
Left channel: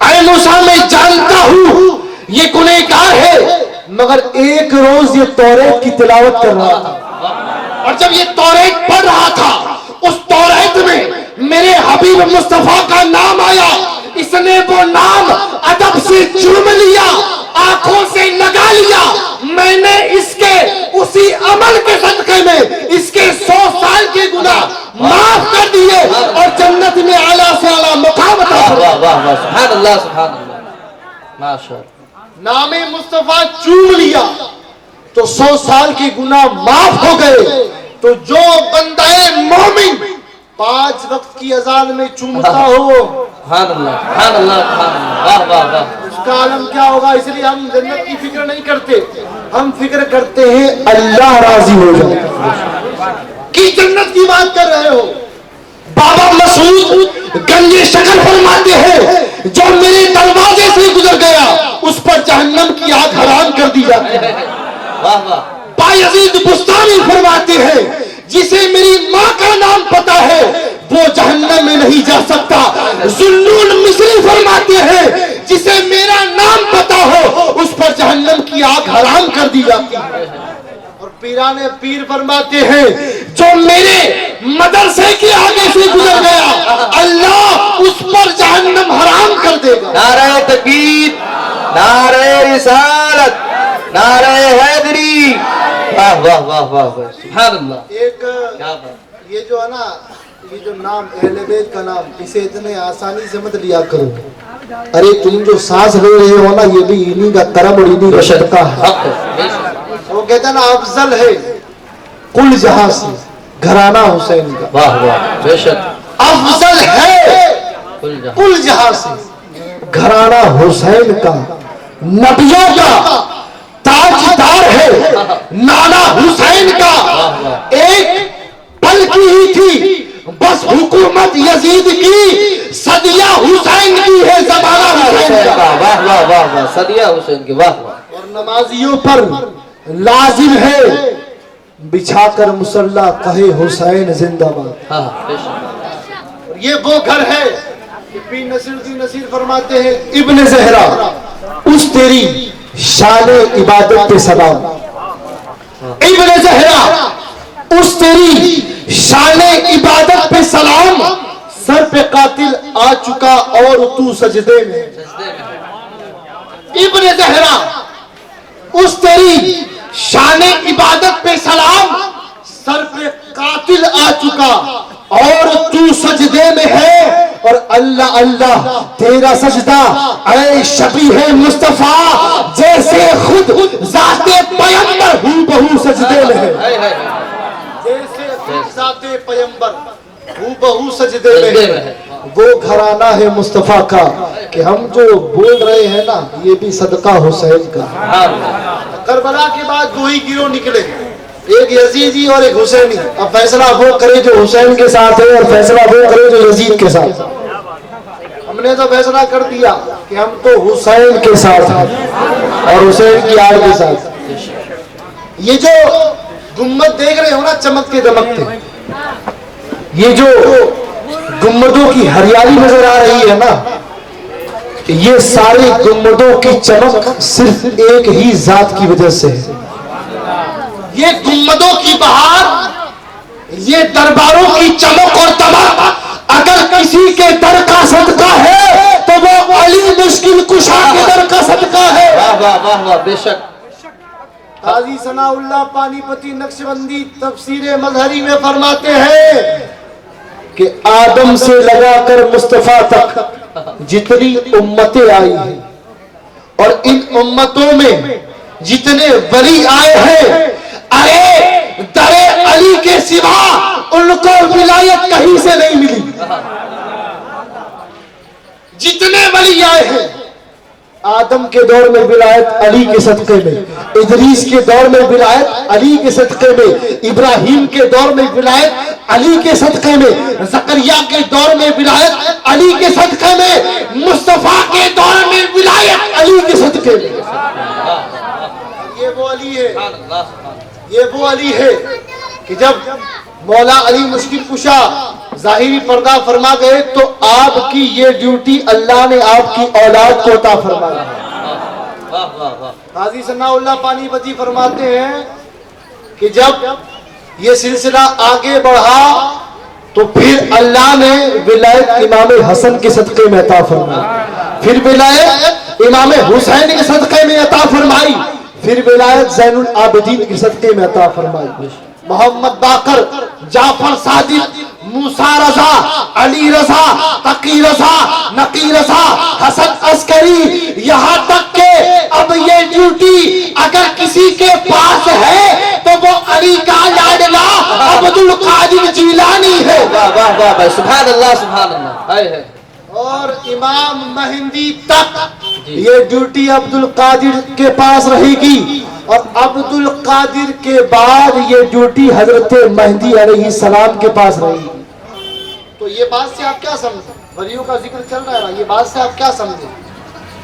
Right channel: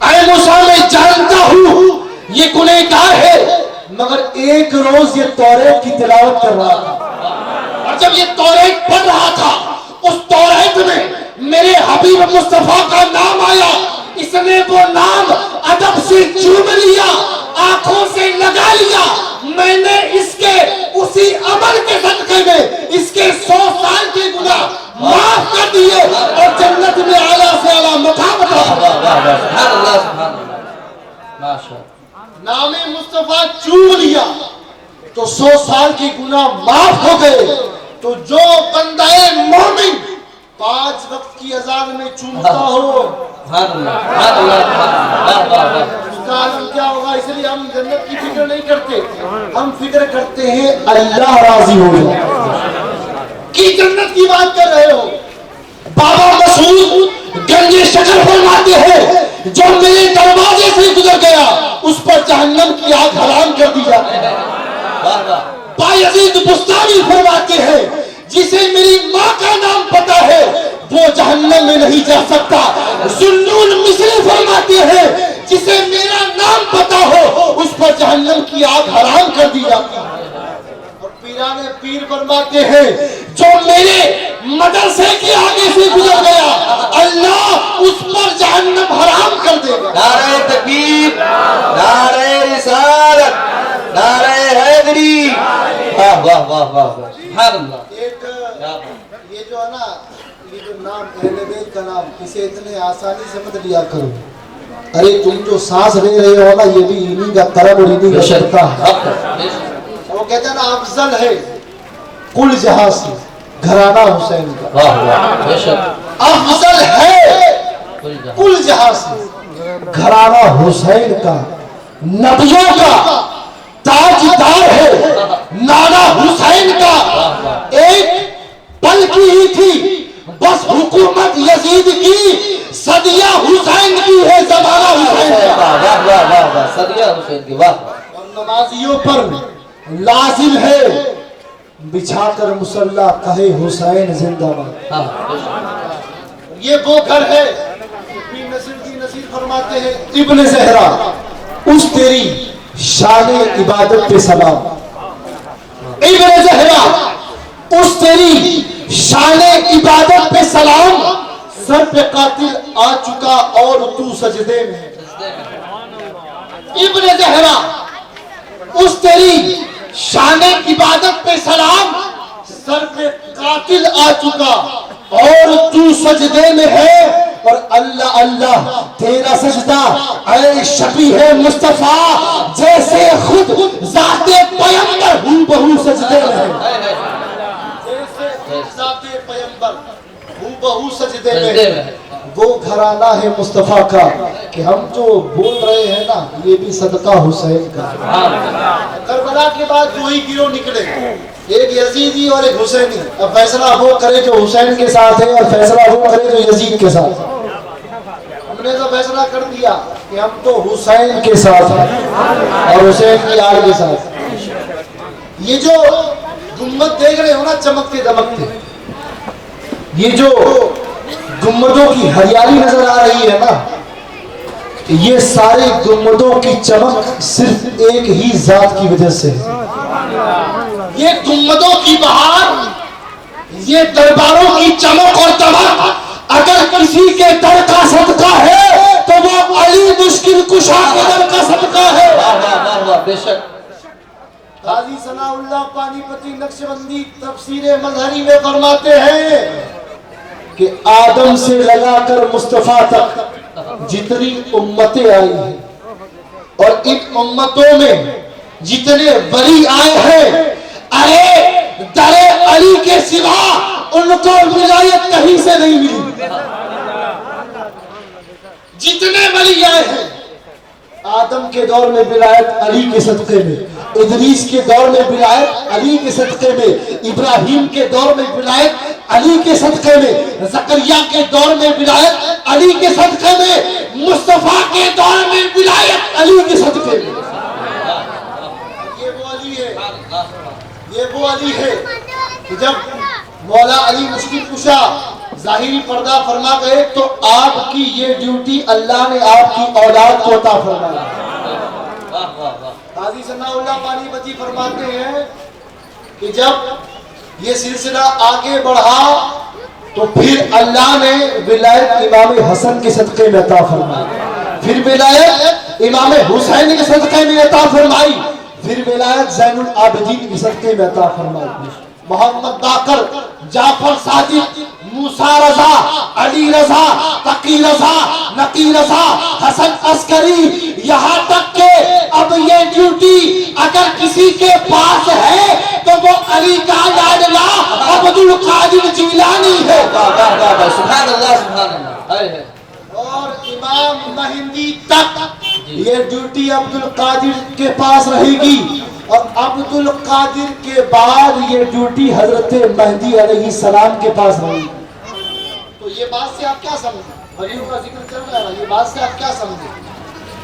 اے موسیٰ میں جانتا ہوں یہ گنہگار ہے مگر ایک روز یہ توریت کی تلاوت کر رہا تھا اور جب یہ توریت پڑھ رہا تھا اس توریت میں میرے حبیب مصطفیٰ کا نام آیا. اس نے وہ نام ادب سے چوم لیا, آنکھوں سے لگا لیا. میں نے اس کے اسی عمل کے صدقے میں اس کے 100 سال کے گناہ معاف کر دیے اور جنت میں اعلیٰ سے اعلیٰ مقام عطا فرمایا. سبحان اللہ سبحان اللہ ماشاءاللہ. نام مصطفیٰ چوم لیا تو 100 سال کے گناہ معاف ہو گئے. تو جو بندہ مومن 5 وقت کی اذان میں چومتا ہو سبحان اللہ سبحان اللہ سبحان اللہ. واہ واہ واہ. اس کا عالم کیا ہوگا. اس لیے ہم جنت کی فکر نہیں کرتے, ہم فکر کرتے ہیں اللہ راضی ہو جائے. کی جنت کی بات کر رہے ہو. بابا مسعود گنج شکر فرماتے ہیں جو میرے دروازے سے گزر گیا اس پر جہنم کی آگ حرام کر دی جاتی ہے. واہ واہ. بایزید بستانی فرماتے ہیں جسے میری ماں کا نام پتا ہے وہ جہنم میں نہیں جا سکتا. ذوالنون مصری فرماتے ہیں جسے میرا نام پتا ہو اس پر جہنم کی آگ حرام کر دی جاتی ہے. اور پیران پیر فرماتے ہیں جو میرے مدرسے کے آگے سے گزر گیا اللہ اس پر جہنم حرام کر دے گا. نعرہ تکبیر, نعرہ رسالت, نعرہ حیدری. واہ واہ واہ واہ واہ. سبحان اللہ. ایک یہ جو ہے نا یہ جو نام اہل بیت کا نام اسے اتنے آسانی سے مت لیا کرو. ارے تم جو سانس لے رہے ہو نا یہ بھی انہی کا کرم اور انہی کا صدقہ ہے. وہ کہتے ہیں نا افضل ہے کل جہاں سے گھرانہ حسین کا. واہ واہ بے شک. افضل ہے کل جہاں سے گھرانہ حسین کا. نبیوں کا تاجدار ہے نانا حسین کا. ایک پل کی ہی تھی بس حکومت یزید کی, صدیہ حسین کی ہے زمانہ حسین کا. واہ واہ واہ واہ. صدیہ حسین کی. واہ. اور نمازیوں پر لازم ہے بچھا کر مصلی کہے حسین زندہ باد. ہاں بے شک. یہ وہ گھر ہے. نصیر فرماتے ہیں ابن زہرا اس تیری شان عبادت پہ سلام. ابن زہرا اس تیری شان عبادت پہ سلام. سر پہ قاتل آ چکا اور تو سجدے میں. ابن زہرا اس تیری شان عبادت پہ سلام. سر پہ قاتل آ چکا اور تو سجدے میں ہے. اور اللہ اللہ تیرا سجدہ اے شبیہ مصطفیٰ جیسے خود ذات پیمبر ہوں بہو سجدے میں ہے. جیسے خود ذات پیمبر ہوں بہو سجدے میں ہے. وہ گھرانہ ہے مصطفیٰ کا کہ ہم جو بول رہے ہیں نا یہ بھی صدقہ حسین کا. کربلا کے بعد دو ہی گروہ نکلے, ایک یزیدی اور ایک حسینی. اب فیصلہ وہ کرے جو حسین کے ساتھ ہے اور فیصلہ وہ کرے جو یزید کے ساتھ. ہم نے تو فیصلہ کر دیا کہ ہم تو حسین کے ساتھ ہیں اور حسین کی آڑ کے ساتھ. یہ جو گنبد دیکھ رہے ہو نا چمکتے دمکتے, یہ جو گنبدوں کی ہریالی نظر آ رہی ہے نا یہ سارے گنبدوں کی چمک صرف ایک ہی ذات کی وجہ سے ہے. یہ گنبدوں کی بہار, یہ درباروں کی چمک اور دمک اگر کسی کے در کا صدقہ ہے تو وہ علی مشکل کشا کے در کا صدقہ ہے. واہ واہ واہ واہ بے شک. قاضی ثناء اللہ پانی پتی نقشبندی تفسیر مظہری میں فرماتے ہیں کہ آدم سے لگا کر مصطفیٰ تک جتنی امتیں آئی ہیں اور ان امتوں میں جتنے ولی آئے ہیں ارے در علی کے سوا ان کو ولایت کہیں سے نہیں ملی. جتنے ولی آئے ہیں آدم کے دور میں ولایت علی کے صدقے میں, ادریس کے دور میں ولایت علی کے صدقے میں, ابراہیم کے دور میں ولایت علی کے صدقے میں, زکریا کے دور میں ولایت علی کے صدقے میں, مصطفیٰ کے دور میں ولایت علی کے صدقے میں. یہ وہ علی ہے, یہ وہ علی ہے کہ جب مولا علی مشکل کشا ظاہری پردہ فرما گئے تو آپ کی یہ ڈیوٹی اللہ نے آپ کی اولاد کو عطا فرمائی۔ قاضی ثناء اللہ پانی پتی فرماتے ہیں کہ جب یہ سلسلہ آگے بڑھا تو پھر اللہ نے ولایت امام حسن کے صدقے میں عطا فرمائی، پھر ولایت امام حسین کے صدقے میں عطا فرمائی، پھر ولایت زین العابدین کے صدقے میں عطا فرمائی۔ محمد باقر، جعفر صادق، موسیٰ رضا، علی رضا، تقی رضا، نقی رضا، حسن عسکری، یہاں تک کہ اب یہ ڈیوٹی اگر کسی کے پاس ہے تو وہ علی کا لاڈلا عبد القادر جیلانی ہے۔ سبحان اللہ سبحان اللہ۔ اور امام مہندی تک یہ ڈیوٹی عبد القادر کے پاس رہے گی، اور عبد القادر کے بعد یہ ڈیوٹی حضرت مہدی علیہ السلام کے پاس رہے گی۔ تو یہ بات سے آپ کیا سمجھیں؟ ولیوں کا ذکر چل رہا ہے، یہ بات سے آپ کیا سمجھیں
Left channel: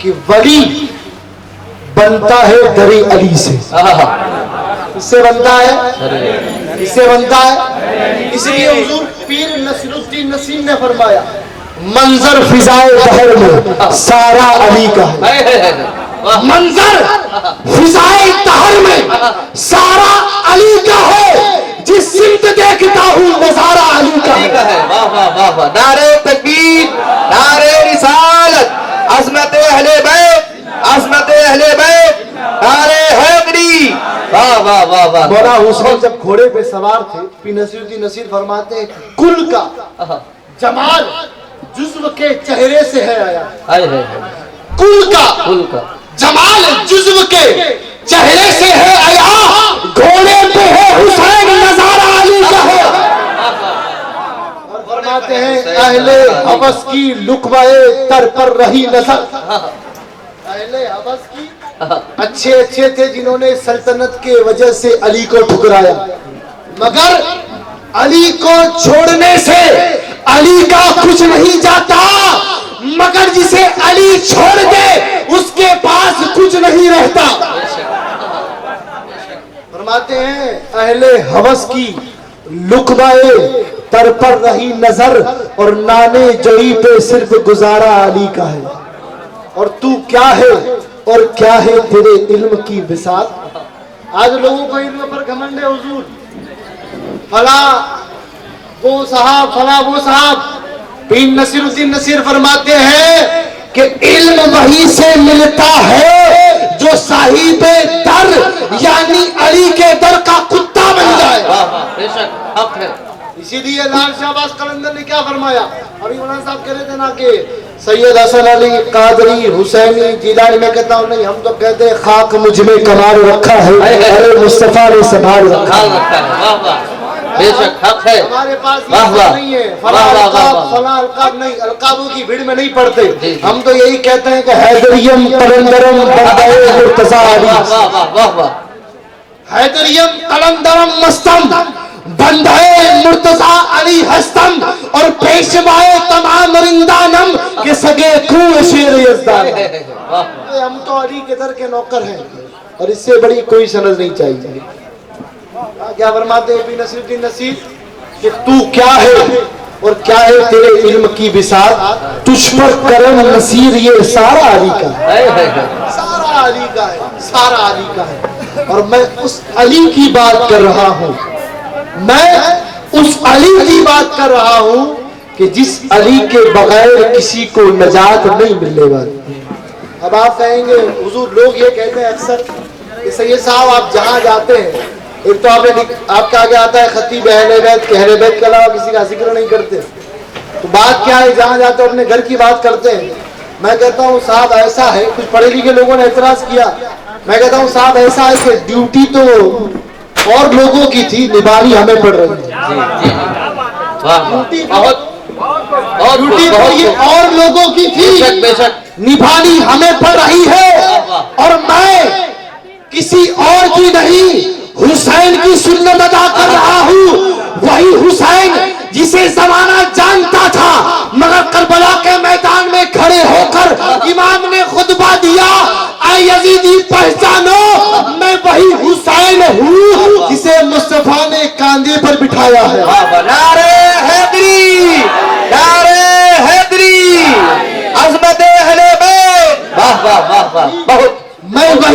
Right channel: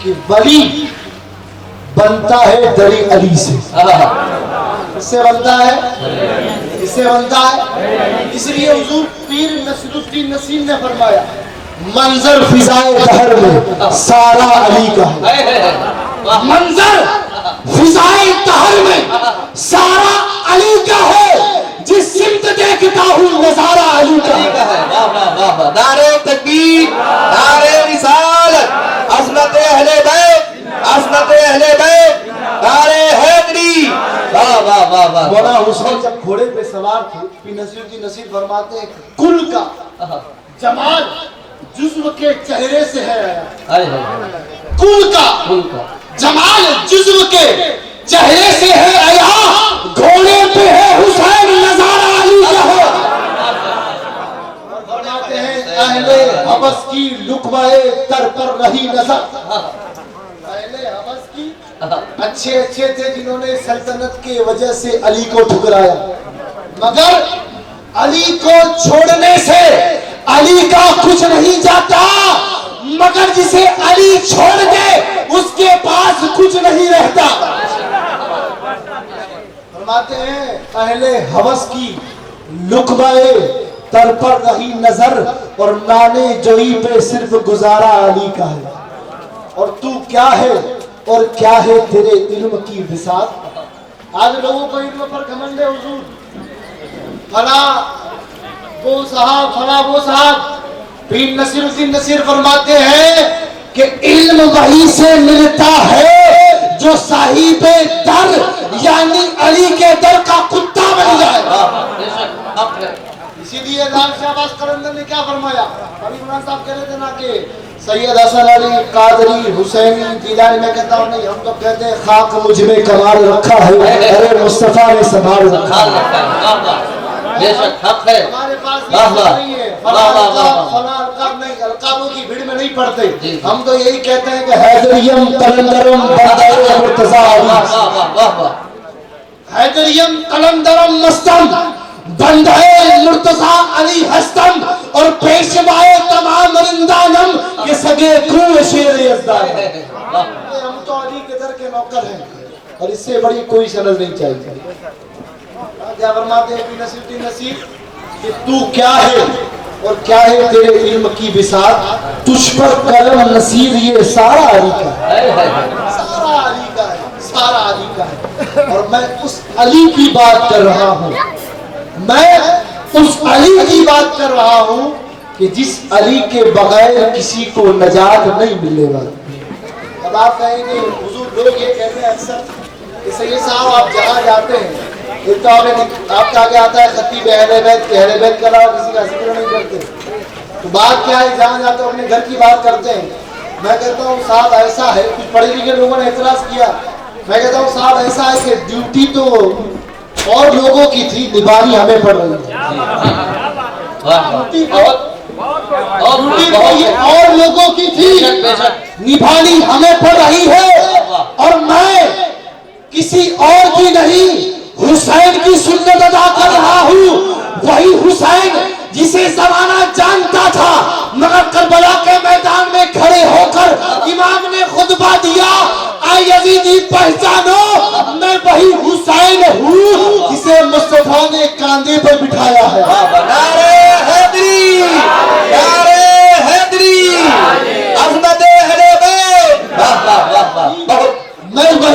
کہ ولی بنتا ہے دری علی سے، اس سے بنتا ہے، اس سے بنتا ہے۔ اس لیے حضور پیر نصیر الدین نصیر نے فرمایا منظر فضائے دہر میں سارا علی کا ہے، منظر فضائے دہر میں سارا علی کا ہے، جس سمت دیکھتا ہوں نظارہ علی کا ہے۔ نعرہ تکبیر، نعرہ رسالت، عظمت اہل بیت، عظمت اہل بیت، نعرہ حیدری۔ واہ واہ واہ واہ۔ مولا حسین جب گھوڑے پہ سوار تھے، پیر نصیر الدین نصیر فرماتے ہیں کل کا جمال جزو کے چہرے سے ہے آیا، کل کا جمال جزو کے چہرے سے ہے آیا، گھوڑے پہ ہے حسین نظارہ علی کا ہے۔ فرماتے ہیں اہل حبس کی لقمۂ در پر رہی نظر، اہل حبس کی اچھے اچھے تھے جنہوں نے سلطنت کے وجہ سے علی کو ٹھکرایا، مگر علی کو چھوڑنے سے علی کا کچھ نہیں جاتا، مگر جسے علی چھوڑ دے اس کے پاس کچھ نہیں رہتا۔ فرماتے ہیں اہل حوث کی لقمۂ در پر رہی نظر، اور نانے جوئی پہ صرف گزارا علی کا ہے، اور تو کیا ہے اور کیا ہے تیرے علم کی بساط۔ آج لوگوں کو علم پر گھمنڈ ہے، حضور فلاں وہ صاحب فلاں وہ صاحب۔ پیر نصیر الدین نصیر فرماتے ہیں کہ علم وہی سے ملتا ہے جو صاحب در یعنی علی کے در کا کتا بن جائے۔ اسی لیے لال شہباز قلندر نے کیا فرمایا، ابھی مولانا صاحب کہہ رہے تھے نا کہ سید حسن علی قادری حسینی جیلانی، میں کہتا ہوں نہیں، ہم تو کہتے ہیں خاک مجھ میں قرار رکھا ہے، ارے مصطفیٰ نے سنبھال رکھا ہے۔ بے شک حق ہے، ہمارے پاس یہ نہیں ہے فلاں القاب نہیں، القابوں کی بھیڑ میں نہیں پڑتے، ہم تو یہی کہتے ہیں کہ حیدریم قلندرم بندے مرتضیٰ علی، حیدریم قلندرم مستم بندے مرتضیٰ علی ہستم، اور پیشوائے تمام رندانم کے سگے کوہ شیر یزدان۔ ہم تو علی کے در کے نوکر ہیں، اور اس سے بڑی کوئی سند نہیں چاہیے۔ کیا فرماتے ہیں پیر نصیر الدین نصیر کہ تو کیا ہے اور کیا ہے تیرے علم کی بساط، تجھ پر کرم نصیر یہ سارا علی کا ہے، سارا علی کا ہے، سارا علی کا ہے۔ اور میں اس علی کی بات کر رہا ہوں، میں اس علی کی بات کر رہا ہوں کہ جس علی کے بغیر کسی کو نجات نہیں ملنے والی۔ اب آپ کہیں گے حضور لوگ یہ کہتے ہیں اکثر کہ سید صاحب آپ جہاں جاتے ہیں، ایک تو آپ کے آگے آتا ہے خطیب اہل بیت کہ اہل بیت کے علاوہ کسی کا ذکر نہیں کرتے، تو بات کیا ہے، جہاں جاتے ہیں اپنے گھر کی بات کرتے ہیں۔ میں کہتا ہوں صاحب ایسا ہے، کچھ پڑھے لکھے لوگوں نے اعتراض کیا، میں کہتا ہوں صاحب ایسا ہے کہ ڈیوٹی تو اور لوگوں کی تھی، نبھانی ہمیں پڑ رہی ہے، ڈیوٹی تو یہ اور لوگوں کی تھی، نبھانی ہمیں پڑ رہی ہے، اور میں کسی اور کی نہیں حسین کی سنت ادا کر رہا ہوں، وہی حسین جسے زمانہ جانتا تھا، مگر کربلا کے میدان میں کھڑے ہو کر امام نے خطبہ دیا، اے یزیدی پہچانو میں وہی حسین ہوں جسے مصطفیٰ نے کاندھے پر بٹھایا ہے۔ نعرہ حیدری،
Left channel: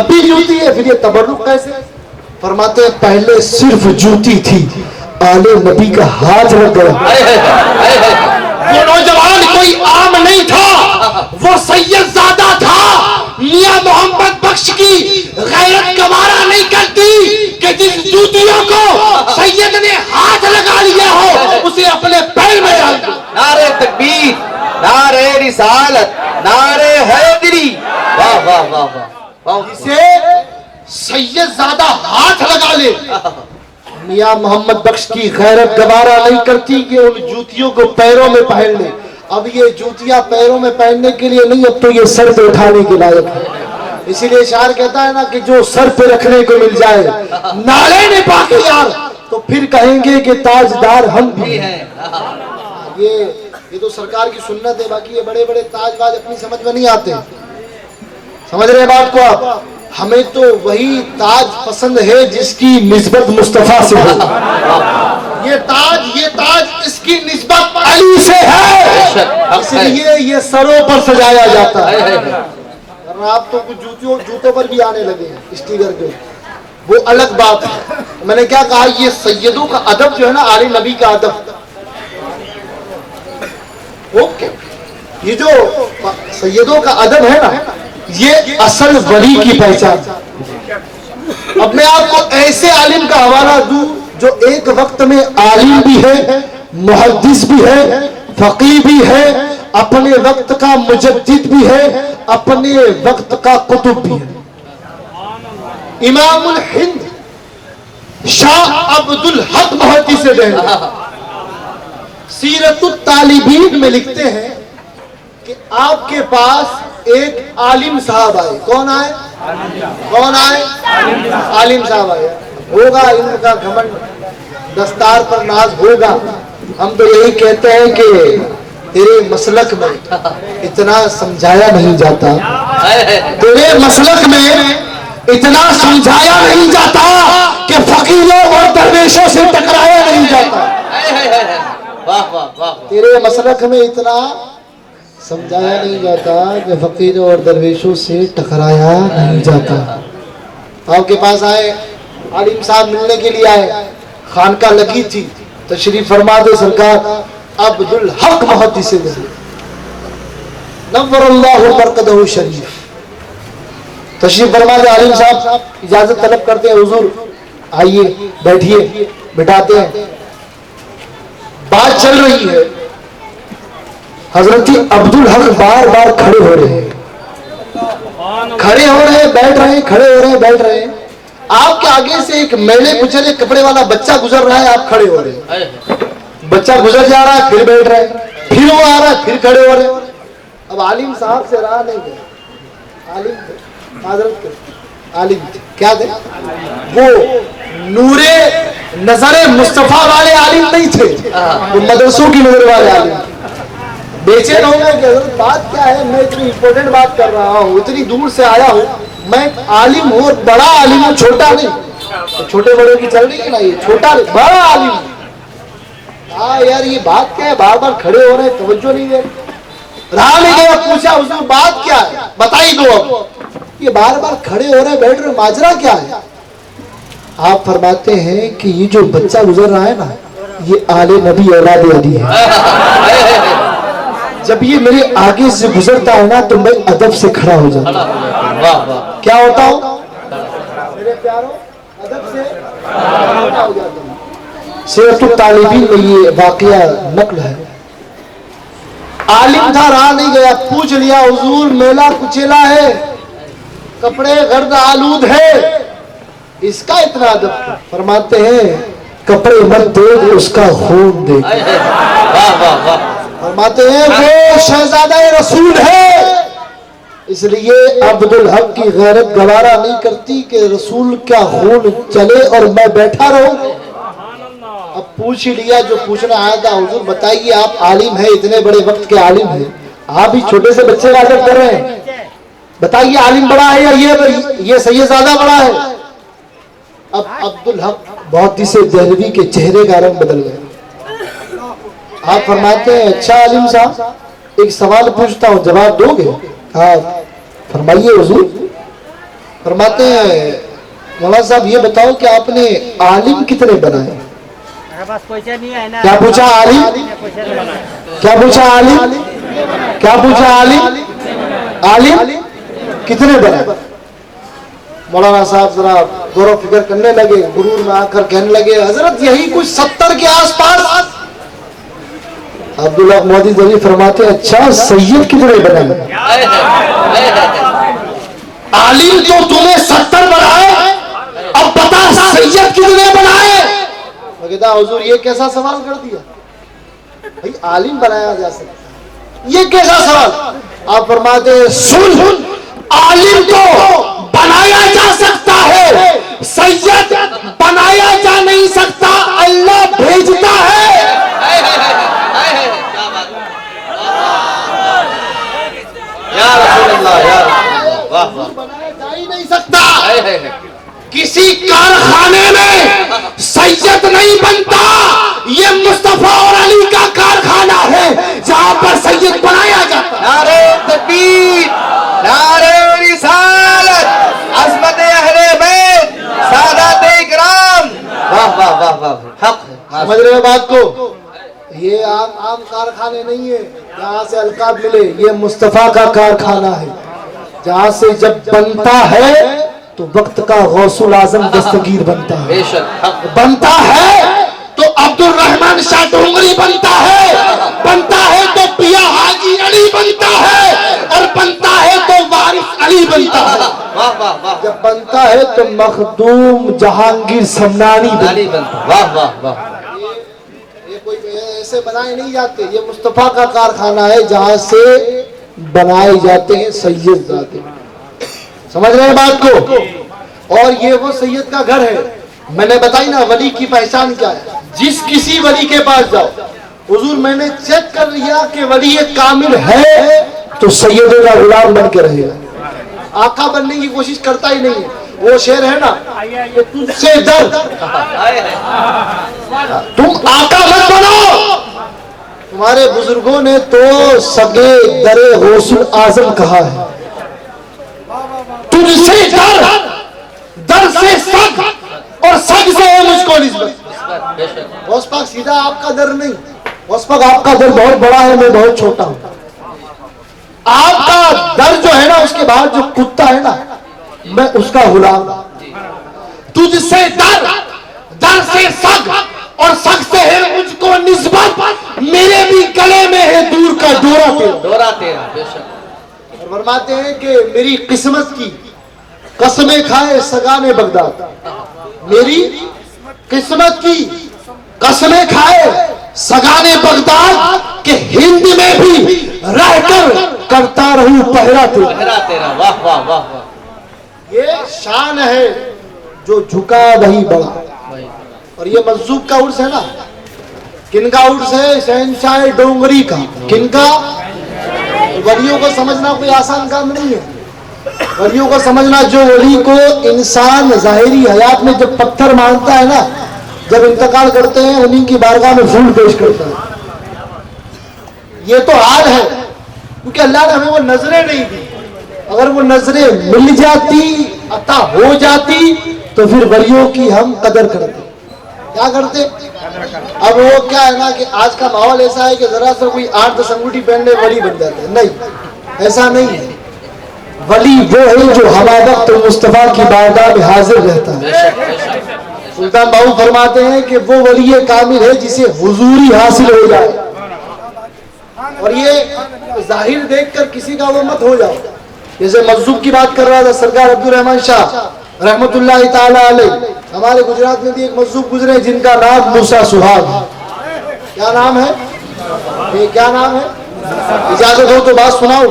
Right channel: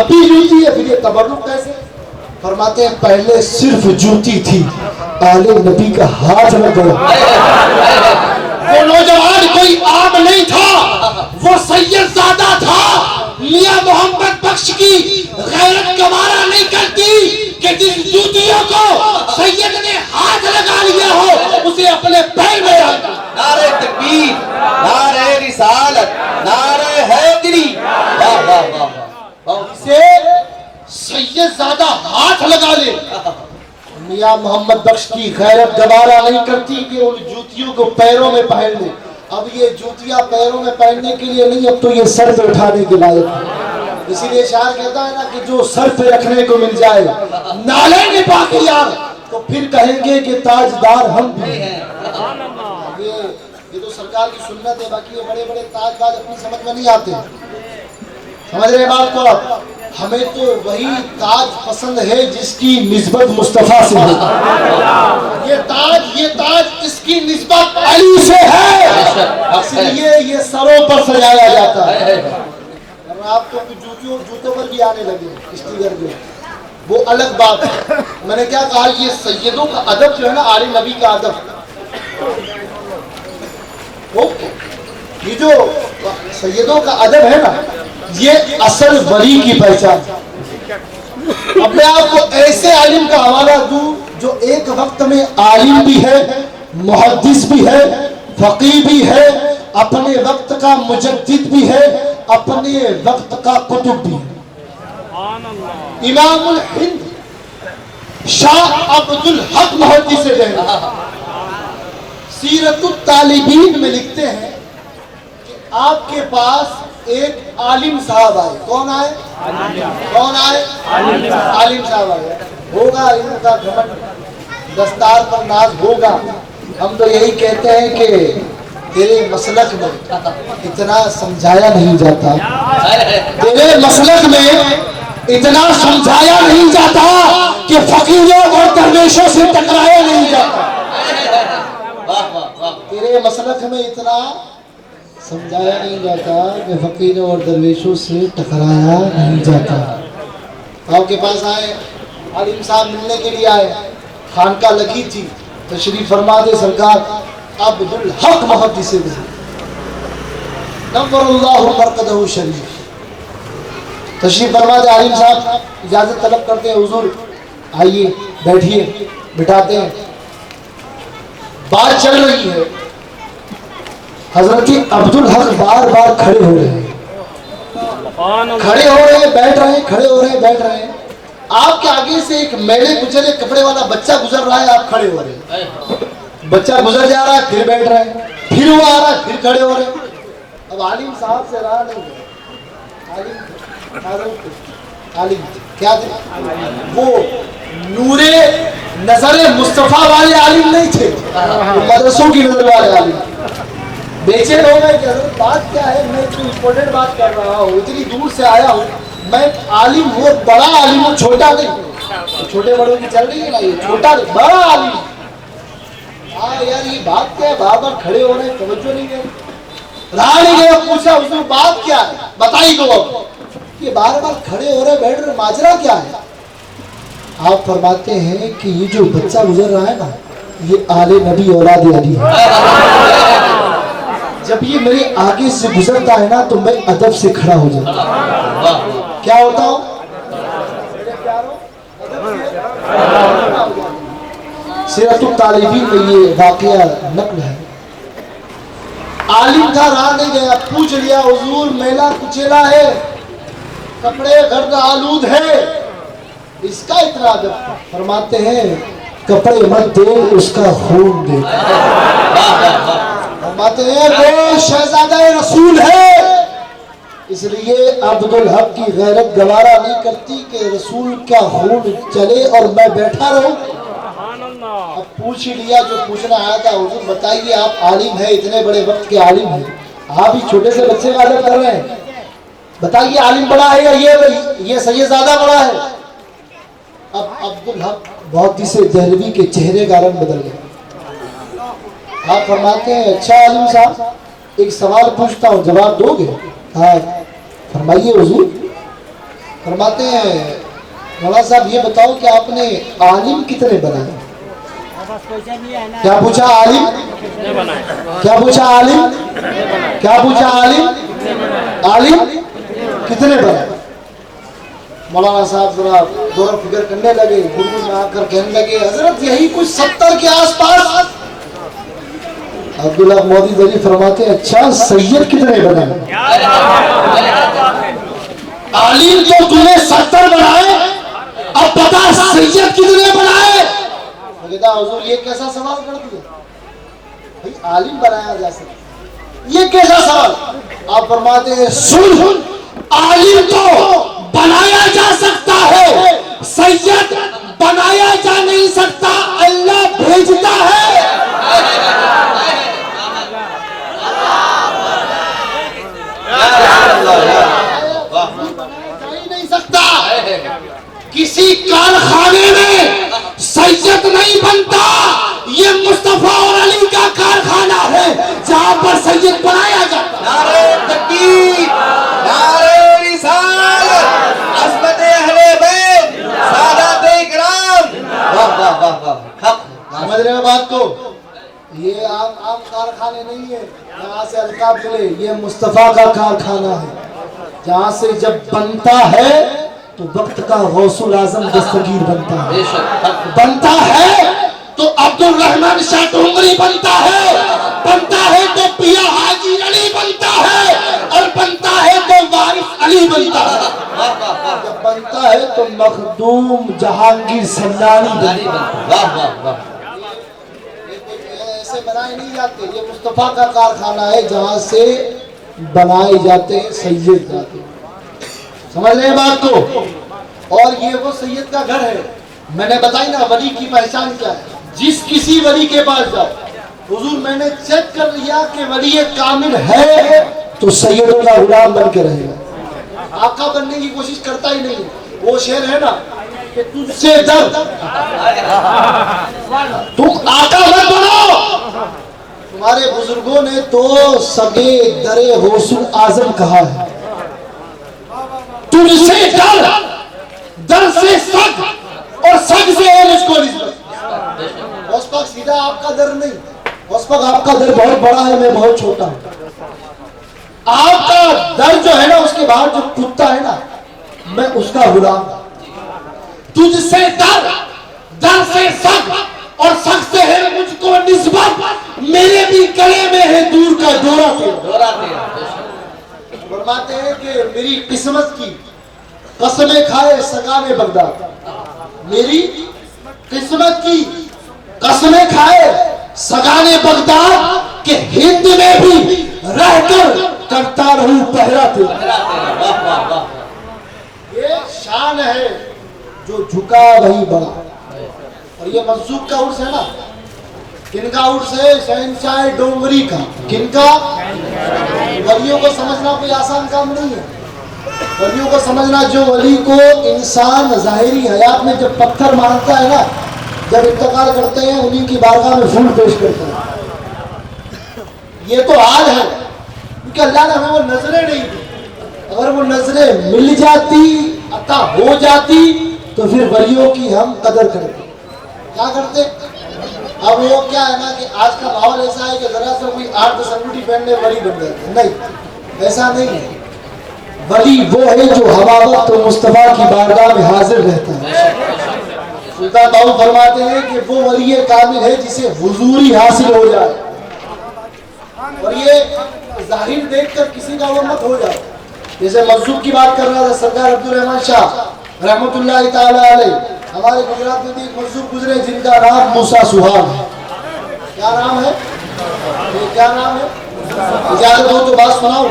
اب بھی جوتی ہے، پھر یہ تبرک کیسے؟ فرماتے ہیں پہلے صرف جوتی تھی، آل نبی کا ہاتھ لگ گیا۔ وہ نوجوان کوئی عام نہیں تھا، وہ سید زادہ تھا۔ میاں محمد بخش کی غیرت گوارا نہیں کرتی کہ جس جوتیوں کو سید نے ہاتھ لگا لیا ہو اسے اپنے پیر میں ڈال دو۔ نعرہ تکبیر، نعرہ رسالت، نعرہ حیدری، واہ واہ واہ واہ، اسے سید زادہ ہاتھ لگا لے۔ میاں محمد بخش کی غیرت گوارا نہیں کرتی کہ ان جوتیوں کو پیروں میں پہن لے۔ اب یہ جوتیاں پیروں میں پہننے کے لیے نہیں، اب تو یہ سر پہ اٹھانے کے لائق ہے۔ اسی لیے شاعر کہتا ہے نا کہ جو سر پہ رکھنے کو مل جائے نالے نے پاک یار، تو پھر کہیں گے کہ تاجدار ہم بھی ہیں۔ یہ تو سرکار کی سنت ہے، باقی یہ بڑے بڑے تاج باز اپنی سمجھ میں نہیں آتے۔ سمجھ رہے بات کو آپ؟ ہمیں تو وہی تاج پسند ہے جس کی نسبت مصطفیٰ سے ہو۔ یہ تاج اس کی نسبت علی سے ہے، اس لیے یہ سروں پر سجایا جاتا ہے۔ ورنہ آپ تو کچھ جوتوں پر بھی آنے لگے ہیں اسٹیکر کے، وہ الگ بات ہے۔ میں نے کیا کہا، یہ سیدوں کا ادب جو ہے نا، آل نبی کا ادب، یہ جو سیدوں کا ادب ہے نا، یہ اصل ولی کی پہچان۔ اب میں آپ کو ایسے عالم کا حوالہ دوں جو ایک وقت میں عالم بھی ہے، محدث بھی ہے، فقیہ بھی ہے، اپنے وقت کا مجدد بھی ہے، اپنے وقت کا قطب بھی ہے۔ امام الہند شاہ عبد الحق محدث دہلوی سیرت الطالبین میں لکھتے ہیں کہ آپ کے پاس ایک عالم صاحب آئے۔ کون آئے؟ کون آئے؟ عالم صاحب آئے۔ ہوگا ان کا گھمنڈ، دستار پر ناز ہوگا۔ ہم تو یہی کہتے ہیں کہ تیرے مسلک میں اتنا سمجھایا نہیں جاتا، تیرے مسلک میں اتنا سمجھایا نہیں جاتا کہ فقیروں اور درویشوں سے ٹکرایا نہیں جاتا، تیرے مسلک میں اتنا سمجھایا نہیں جاتا کہ فقیروں اور درویشوں سے ٹکرایا نہیں جاتا۔ آپ کے پاس آئے، عالم صاحب ملنے کے لیے آئے، خانقاہ لگی تھی، تشریف فرما دے سرکار عبد الحق محدث دہلوی نور اللہ مرقدہ شریف، تشریف فرما دے۔ عالم صاحب اجازت طلب کرتے ہیں، حضور آئیے بیٹھیے، بٹھاتے ہیں۔ بات چل رہی ہے، حضرت عبد الحق بار بار کھڑے ہو رہے ہیں، کھڑے ہو رہے ہیں، بیٹھ رہے ہیں، کھڑے ہو رہے ہیں، بیٹھ رہے ہیں۔ آپ کے آگے سے ایک میلے کچلے کپڑے والا بچہ گزر رہا ہے، آپ کھڑے ہو رہے ہیں۔ بچہ گزر جا رہا ہے، پھر بیٹھ رہے ہیں، پھر وہ آ رہا ہے، پھر کھڑے ہو رہے ہیں۔ اب عالم صاحب سے رہا نہیں گیا، عالم کیا تھے؟ وہ نور نظر مصطفیٰ والے عالم نہیں تھے، وہ مدرسوں کی نظر والے عالم۔ بے چین ہو گئے کہ حضرت بات کیا ہے، میں اتنی امپورٹنٹ بات کر رہا ہوں، اتنی دور سے آیا ہوں، میں عالم ہوں، بڑا عالم ہوں، چھوٹا نہیں۔ چھوٹے بڑے کی چل رہی ہے نا، یہ چھوٹا نہیں، بڑا عالم۔ ہاں یار یہ بات کیا ہے، بار بار کھڑے ہو رہے ہیں، توجہ نہیں دے رہا نہیں گیا۔ پوچھا حضور بات کیا ہے، بتائی دو۔ اب یہ بار بار کھڑے ہو رہے بیٹھ رہے، ماجرا کیا ہے؟ آپ فرماتے ہیں کہ یہ جو بچہ گزر رہا ہے نا، یہ آل نبی اولاد علی ہے۔ جب یہ میرے آگے سے گزرتا ہے نا تو میں ادب سے کھڑا ہو جاتا ہوں۔ کیا ہوتا ہوں؟ میرے پیاروں، ادب سے کھڑا ہو جاتا ہوں۔ سیرت الطالبین میں یہ واقعہ نقل ہے۔ عالم تھا، رہا نہیں گیا، پوچھ لیا حضور میلہ کچیلا ہے، کپڑے گرد آلود ہے، اس کا اتنا ادب؟ فرماتے ہیں کپڑے مت دیکھ، اس کا خون دیکھ۔ فرماتے ہیں وہ شہزادہ رسول ہے، اس لیے عبد الحق کی غیرت گوارا نہیں کرتی کہ رسول کا خون چلے اور میں بیٹھا رہوں۔ اب پوچھ ہی لیا جو پوچھنا آیا تھا، حضور بتائیے آپ عالم ہیں، اتنے بڑے وقت کے عالم ہیں، آپ ہی چھوٹے سے بچے کا ادب کر رہے ہیں، بتائیے عالم بڑا ہے یا یہ سید زادہ بڑا ہے؟ اب عبد الحق محدث دہلوی کے چہرے کا رنگ بدل گیا۔ آپ فرماتے ہیں اچھا عالم صاحب ایک سوال پوچھتا ہوں، جواب دو گے؟ ہاں فرمائیے حضور۔ فرماتے ہیں مولانا صاحب یہ بتاؤ کہ آپ نے عالم کتنے بنائے؟ کیا پوچھا عالم؟ کیا پوچھا عالم؟ کیا پوچھا عالم؟ عالم کتنے بنائے؟ مولانا صاحب ذرا غور و فکر کرنے لگے، غرور میں آ کر کہنے لگے حضرت یہی کچھ 70 کے آس پاس۔ عبداللہ مودی ذریعہ فرماتے ہیں اچھا سید کتنے بنائے؟ عالم تو تمہیں 70 بنائے، اب بتا سید کتنے بنائے؟ وہ کہتا حضور یہ کیسا سوال کر دیا، بھئی عالم بنایا جا سکتا، یہ کیسا سوال؟ آپ فرماتے ہیں سن، عالم تو بنایا جا سکتا ہے، سید بنایا جا نہیں سکتا، اللہ بھیجتا ہے۔ بنایا جا ہی نہیں سکتا، کسی کارخانے میں سید نہیں بنتا، یہ مصطفیٰ اور علی کا کارخانہ ہے جہاں پر سید بنایا جاتا۔ نعرہ تکبیر، نعرہ رسالت، عظمت اہل بیت، سادات اکرام، واہ واہ واہ واہ، حق سمجھ رہے ہیں بات کو؟ یہ عام کارخانے نہیں ہے جہاں سے القاب ملے، یہ مصطفیٰ کا کارخانہ ہے جہاں سے جب بنتا ہے تو وقت کا غوث الاعظم دستگیر بنتا ہے، بے شک حق، بنتا ہے تو عبد الرحمن شاہ ڈونگری بنتا ہے تو پیا حاجی علی بنتا ہے، اور بنتا ہے تو وارث علی بنتا ہے، واہ واہ واہ، جب بنتا ہے تو مخدوم جہانگیر سمنانی علی بنتا، واہ واہ واہ، یہ کوئی ایسے بنائے نہیں جاتے، یہ مصطفیٰ کا کارخانہ ہے جہاں سے بنائے جاتے ہیں سید ذات۔ سمجھ رہے ہیں بات کو؟ اور یہ وہ سید کا گھر ہے، میں نے بتائی نا ولی کی پہچان کیا ہے، جس کسی ولی کے پاس جاؤ، حضور میں نے چیک کر لیا کہ ولی کامل ہے تو سید کا غلام بن کے رہے گا، آقا بننے کی کوشش کرتا ہی نہیں ہے۔ وہ شعر ہے نا کہ تجھ سے ڈر تم آقا مت بنو، تمہارے بزرگوں نے تو سگے در غوث اعظم کہا ہے، تجھ سے ڈر، در سے سگ، اور سگ سے ہے مجھ کو نسبت۔ غوث پاک سیدھا آپ کا در نہیں، غوث پاک آپ کا در بہت بڑا ہے، میں بہت چھوٹا ہوں، آپ کا در جو ہے نا اس کے باہر جو کتا ہے نا میں اس کا غلام، تجھ سے ڈر، در سے سگ، اور سگ سے ہے مجھ کو نسبت، میرے بھی گلے میں ہے دور کا ڈورا تیرا، دورہ تیرا، بے شک، فرماتے ہیں کہ میری قسمت کی قسمیں کھائے سگانے بغداد، میری قسمت کی قسمیں کھائے سگانے بغداد کہ ہند میں بھی رہ کر کرتا رہوں پہرا تیرا۔ پہرا تیرا، واہ واہ واہ، یہ شان ہے جو جھکا وہی بڑا۔ اور یہ مجذوب کا عرس ہے نا، کن کا عرس ہے؟ شہنشاہ ڈونگری کا۔ کن کا؟ ولیوں کو سمجھنا کوئی آسان کام نہیں ہے، ولیوں کو سمجھنا، جو ولی کو انسان ظاہری حیات میں جب پتھر مانتا ہے نا، جب انتقال کرتے ہیں انہیں کی بارگاہ میں پھول پیش کرتا ہے، یہ تو حال ہے، کیونکہ اللہ نے ہمیں وہ نظریں نہیں دی، اگر وہ نظریں مل جاتی، عطا ہو جاتی، تو پھر ولیوں کی ہم قدر کرتے۔ کیا کرتے؟ اب وہ کیا ہے نا کہ آج کا ماحول ایسا ہے کہ ذرا سا کوئی 8-10 انگوٹھی پہن لے ولی بن جاتے ہیں، نہیں، ایسا نہیں ہے۔ ولی وہ ہے جو ہما وقت مصطفیٰ کی بارگاہ میں حاضر رہتا ہے۔ سلطان باہو فرماتے ہیں کہ وہ ولی کامل ہے جسے حضوری حاصل ہو جائے، اور یہ ظاہر دیکھ کر کسی کا وہ مت ہو جائے۔ جیسے مجذوب کی بات کر رہا تھا سرکار عبد الرحمن شاہ رحمت اللہ تعالی علیہ، ہمارے گجرات میں بھی ایک مجذوب گزرے جن کا نام موسیٰ سہاگ ہے۔ کیا نام ہے؟ یہ کیا نام ہے؟ اجازت ہو تو بات سناؤ،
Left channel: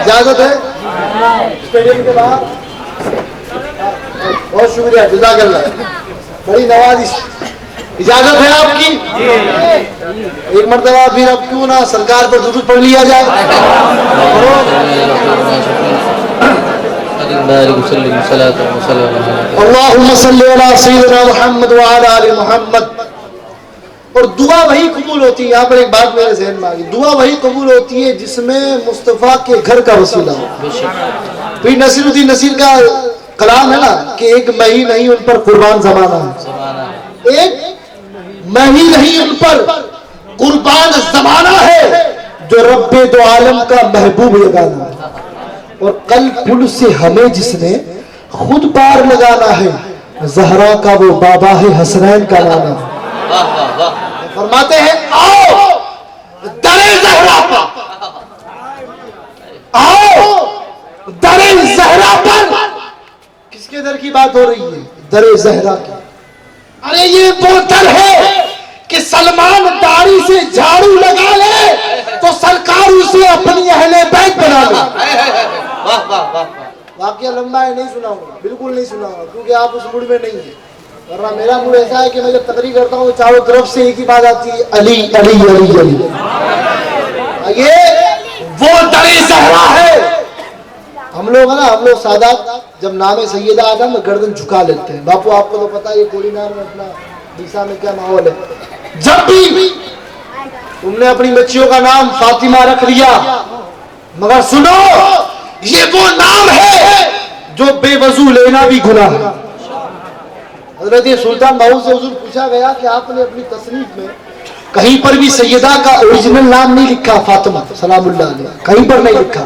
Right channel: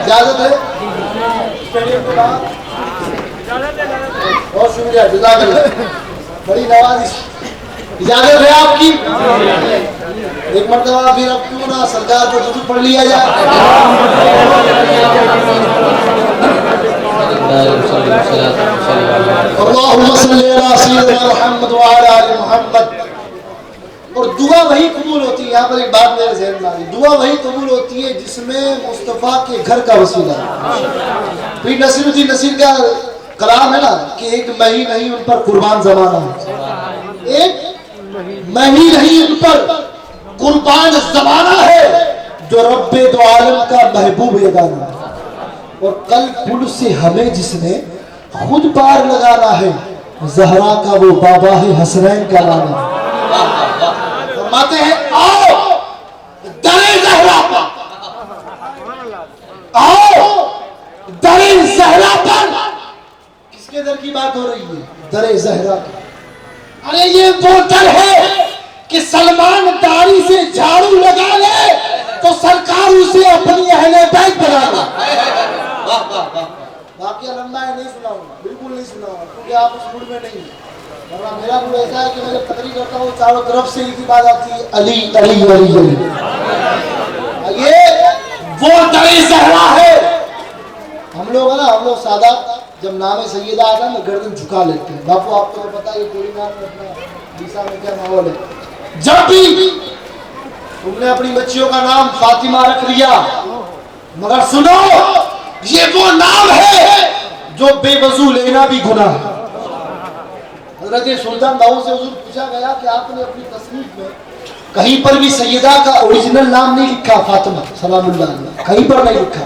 اجازت ہے؟ اسٹیڈیم کے باہر، بہت شکریہ، جزاک اللہ، بڑی نوازش، اجازت ہے آپ کی؟ ایک مرتبہ پھر اب کیوں نہ سرکار پر درود پڑھ لیا جائے۔ اللہم صلی علی سیدنا محمد وعلی آل محمد۔ اور دعا وہی قبول ہوتی ہے، یہاں پر ایک بات میرے ذہن میں آ گئی، دعا وہی قبول ہوتی ہے جس میں مصطفیٰ کے گھر کا وسیلہ ہے۔ پھر نصیر الدین نصیر کا کلام ہے نا کہ ایک میں ہی نہیں ان پر قربان زمانہ ہے، ایک میں ہی نہیں ان پر قربان زمانہ ہے، جو رب دو عالم کا محبوب یگانہ ہے، اور کل پل سے ہمیں جس نے خود پار لگانا ہے، زہرا کا وہ بابا ہے، حسنین کا نام ہے۔ فرماتے ہیں آؤ در زہرا پر، آؤ در زہرا پر، کس کے در کی بات ہو رہی ہے؟ در زہرا کی۔ ارے یہ وہ در ہے کہ سلمان داڑھی سے جھاڑو لگا لے تو سرکار اسے اپنی اہل بیت بنا لے۔ واقعہ لمبا ہے، نہیں سنا ہوگا، بالکل نہیں سنا ہوگا، کیونکہ آپ اس موڈ میں نہیں ہیں، ورنہ میرا موڈ ایسا ہے کہ میں جب تقریر کرتا ہوں چاروں طرف سے ایک ہی بات آتی ہے، علی علی علی علی۔ یہ وہ در زہرا ہے۔ ہم لوگ نا، ہم لوگ سادات جب نام سیدہ آتا ہے گردن جھکا لیتے ہیں۔ باپو آپ کو تو پتا ہے یہ کوڑی نام میں اپنا عیسیٰ میں کیا ماحول ہے۔ جب بھی تم نے اپنی بچیوں کا نام فاطمہ رکھ لیا، مگر سنو یہ وہ نام ہے جو بے وضو لینا بھی گناہ ہے۔ حضرت سلطان باہو سے حضور پوچھا گیا کہ آپ نے اپنی تصنیف میں کہیں پر بھی سیدہ کا اوریجنل نام نہیں لکھا، فاطمہ سلام اللہ علیہ، کہیں پر نہیں لکھا،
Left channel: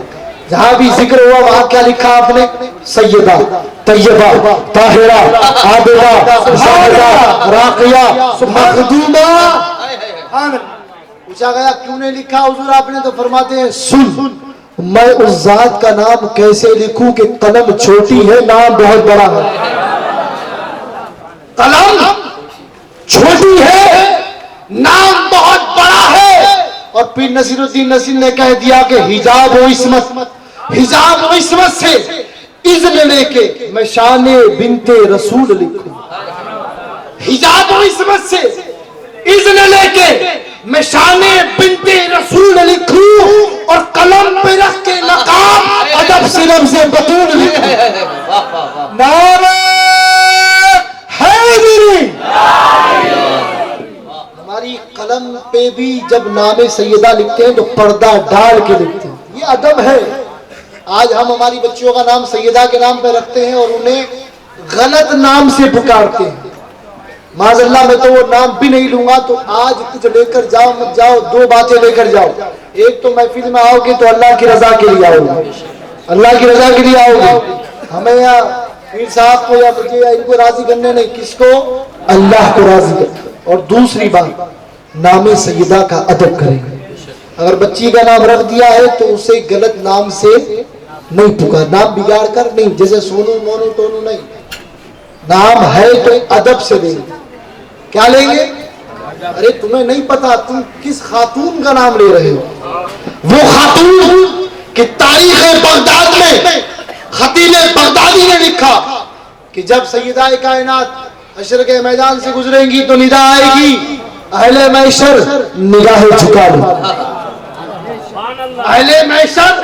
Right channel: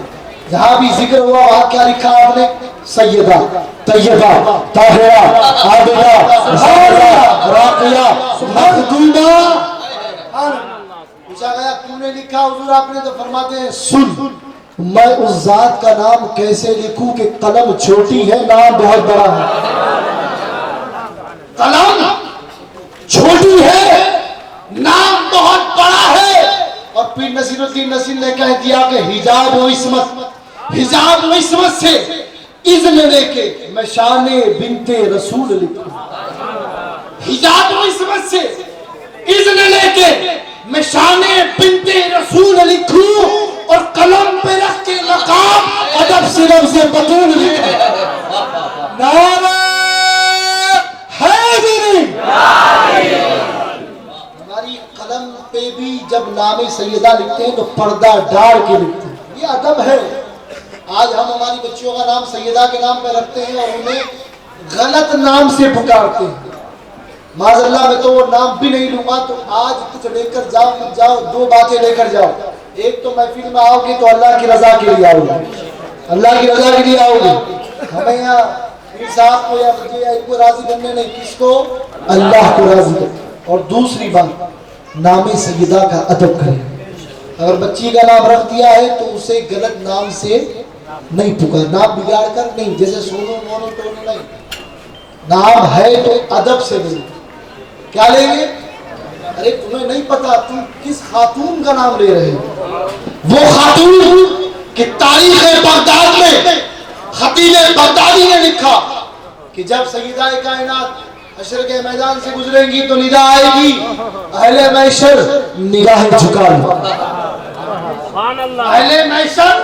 جہاں بھی ذکر ہوا وہاں کیا لکھا آپ نے؟ سیدہ، طیبہ، طاہرہ، عابدہ، زاہدہ، راقیہ، مخدومہ۔ پوچھا گیا کیوں نہیں لکھا حضور آپ نے؟ تو فرماتے ہیں سن، میں اس ذات کا نام کیسے لکھوں کہ قلم چھوٹی ہے نام بہت بڑا ہے۔ قلم چھوٹی ہے نام بہت بڑا ہے۔ اور پھر نصیر الدین نصیر نے کہہ دیا کہ حجاب و عصمت، حجاب و عصمت سے اذن لے کے میں شان بنت رسول لکھوں، حجاب و عصمت سے اذن لے کے میں شان بنت رسول لکھوں، اور قلم پہ رکھ کے نقاب ادب سے لفظ بطول لکھوں۔ نعرہ حیدری۔ ہماری قلم پہ بھی جب نام سیدہ لکھتے ہیں تو پردہ ڈال کے لکھتے ہیں، یہ ادب ہے۔ آج ہم ہماری بچیوں کا نام سیدہ کے نام پہ رکھتے ہیں اور انہیں غلط نام سے پکارتے ہیں۔ معاذ اللہ میں تو وہ نام بھی نہیں لوں گا۔ تو آج کچھ لے کر جاؤ مت جاؤ، دو باتیں لے کر جاؤ۔ ایک تو محفل میں آؤ گے تو اللہ کی رضا کے لیے آؤ گے، اللہ کی رضا کے لیے آؤ گے۔ ہمیں یہاں پیر صاحب کو یا مجھے یا ان کو راضی کرنے نہیں، کس کو؟ اللہ کو راضی کرنے۔ اور دوسری بات، نام سیدہ کا ادب کریں۔ اگر بچی کا نام رکھ دیا ہے تو اسے غلط نام سے نہیں پکار، نام بگاڑ کر نہیں، جیسے سونو مونو ٹونو نہیں، نام ہے تو ادب سے لیں گے۔ کیا لیں گے؟ ارے تمہیں نہیں پتا تم کس خاتون کا نام لے رہے ہو؟ وہ خاتون کہ تاریخ بغداد میں خطیب بغدادی نے لکھا کہ جب سیدہ کائنات حشر کے میدان سے گزریں گی تو ندا آئے گی، اہل محشر نگاہ جھکا لو۔ اہل محشر،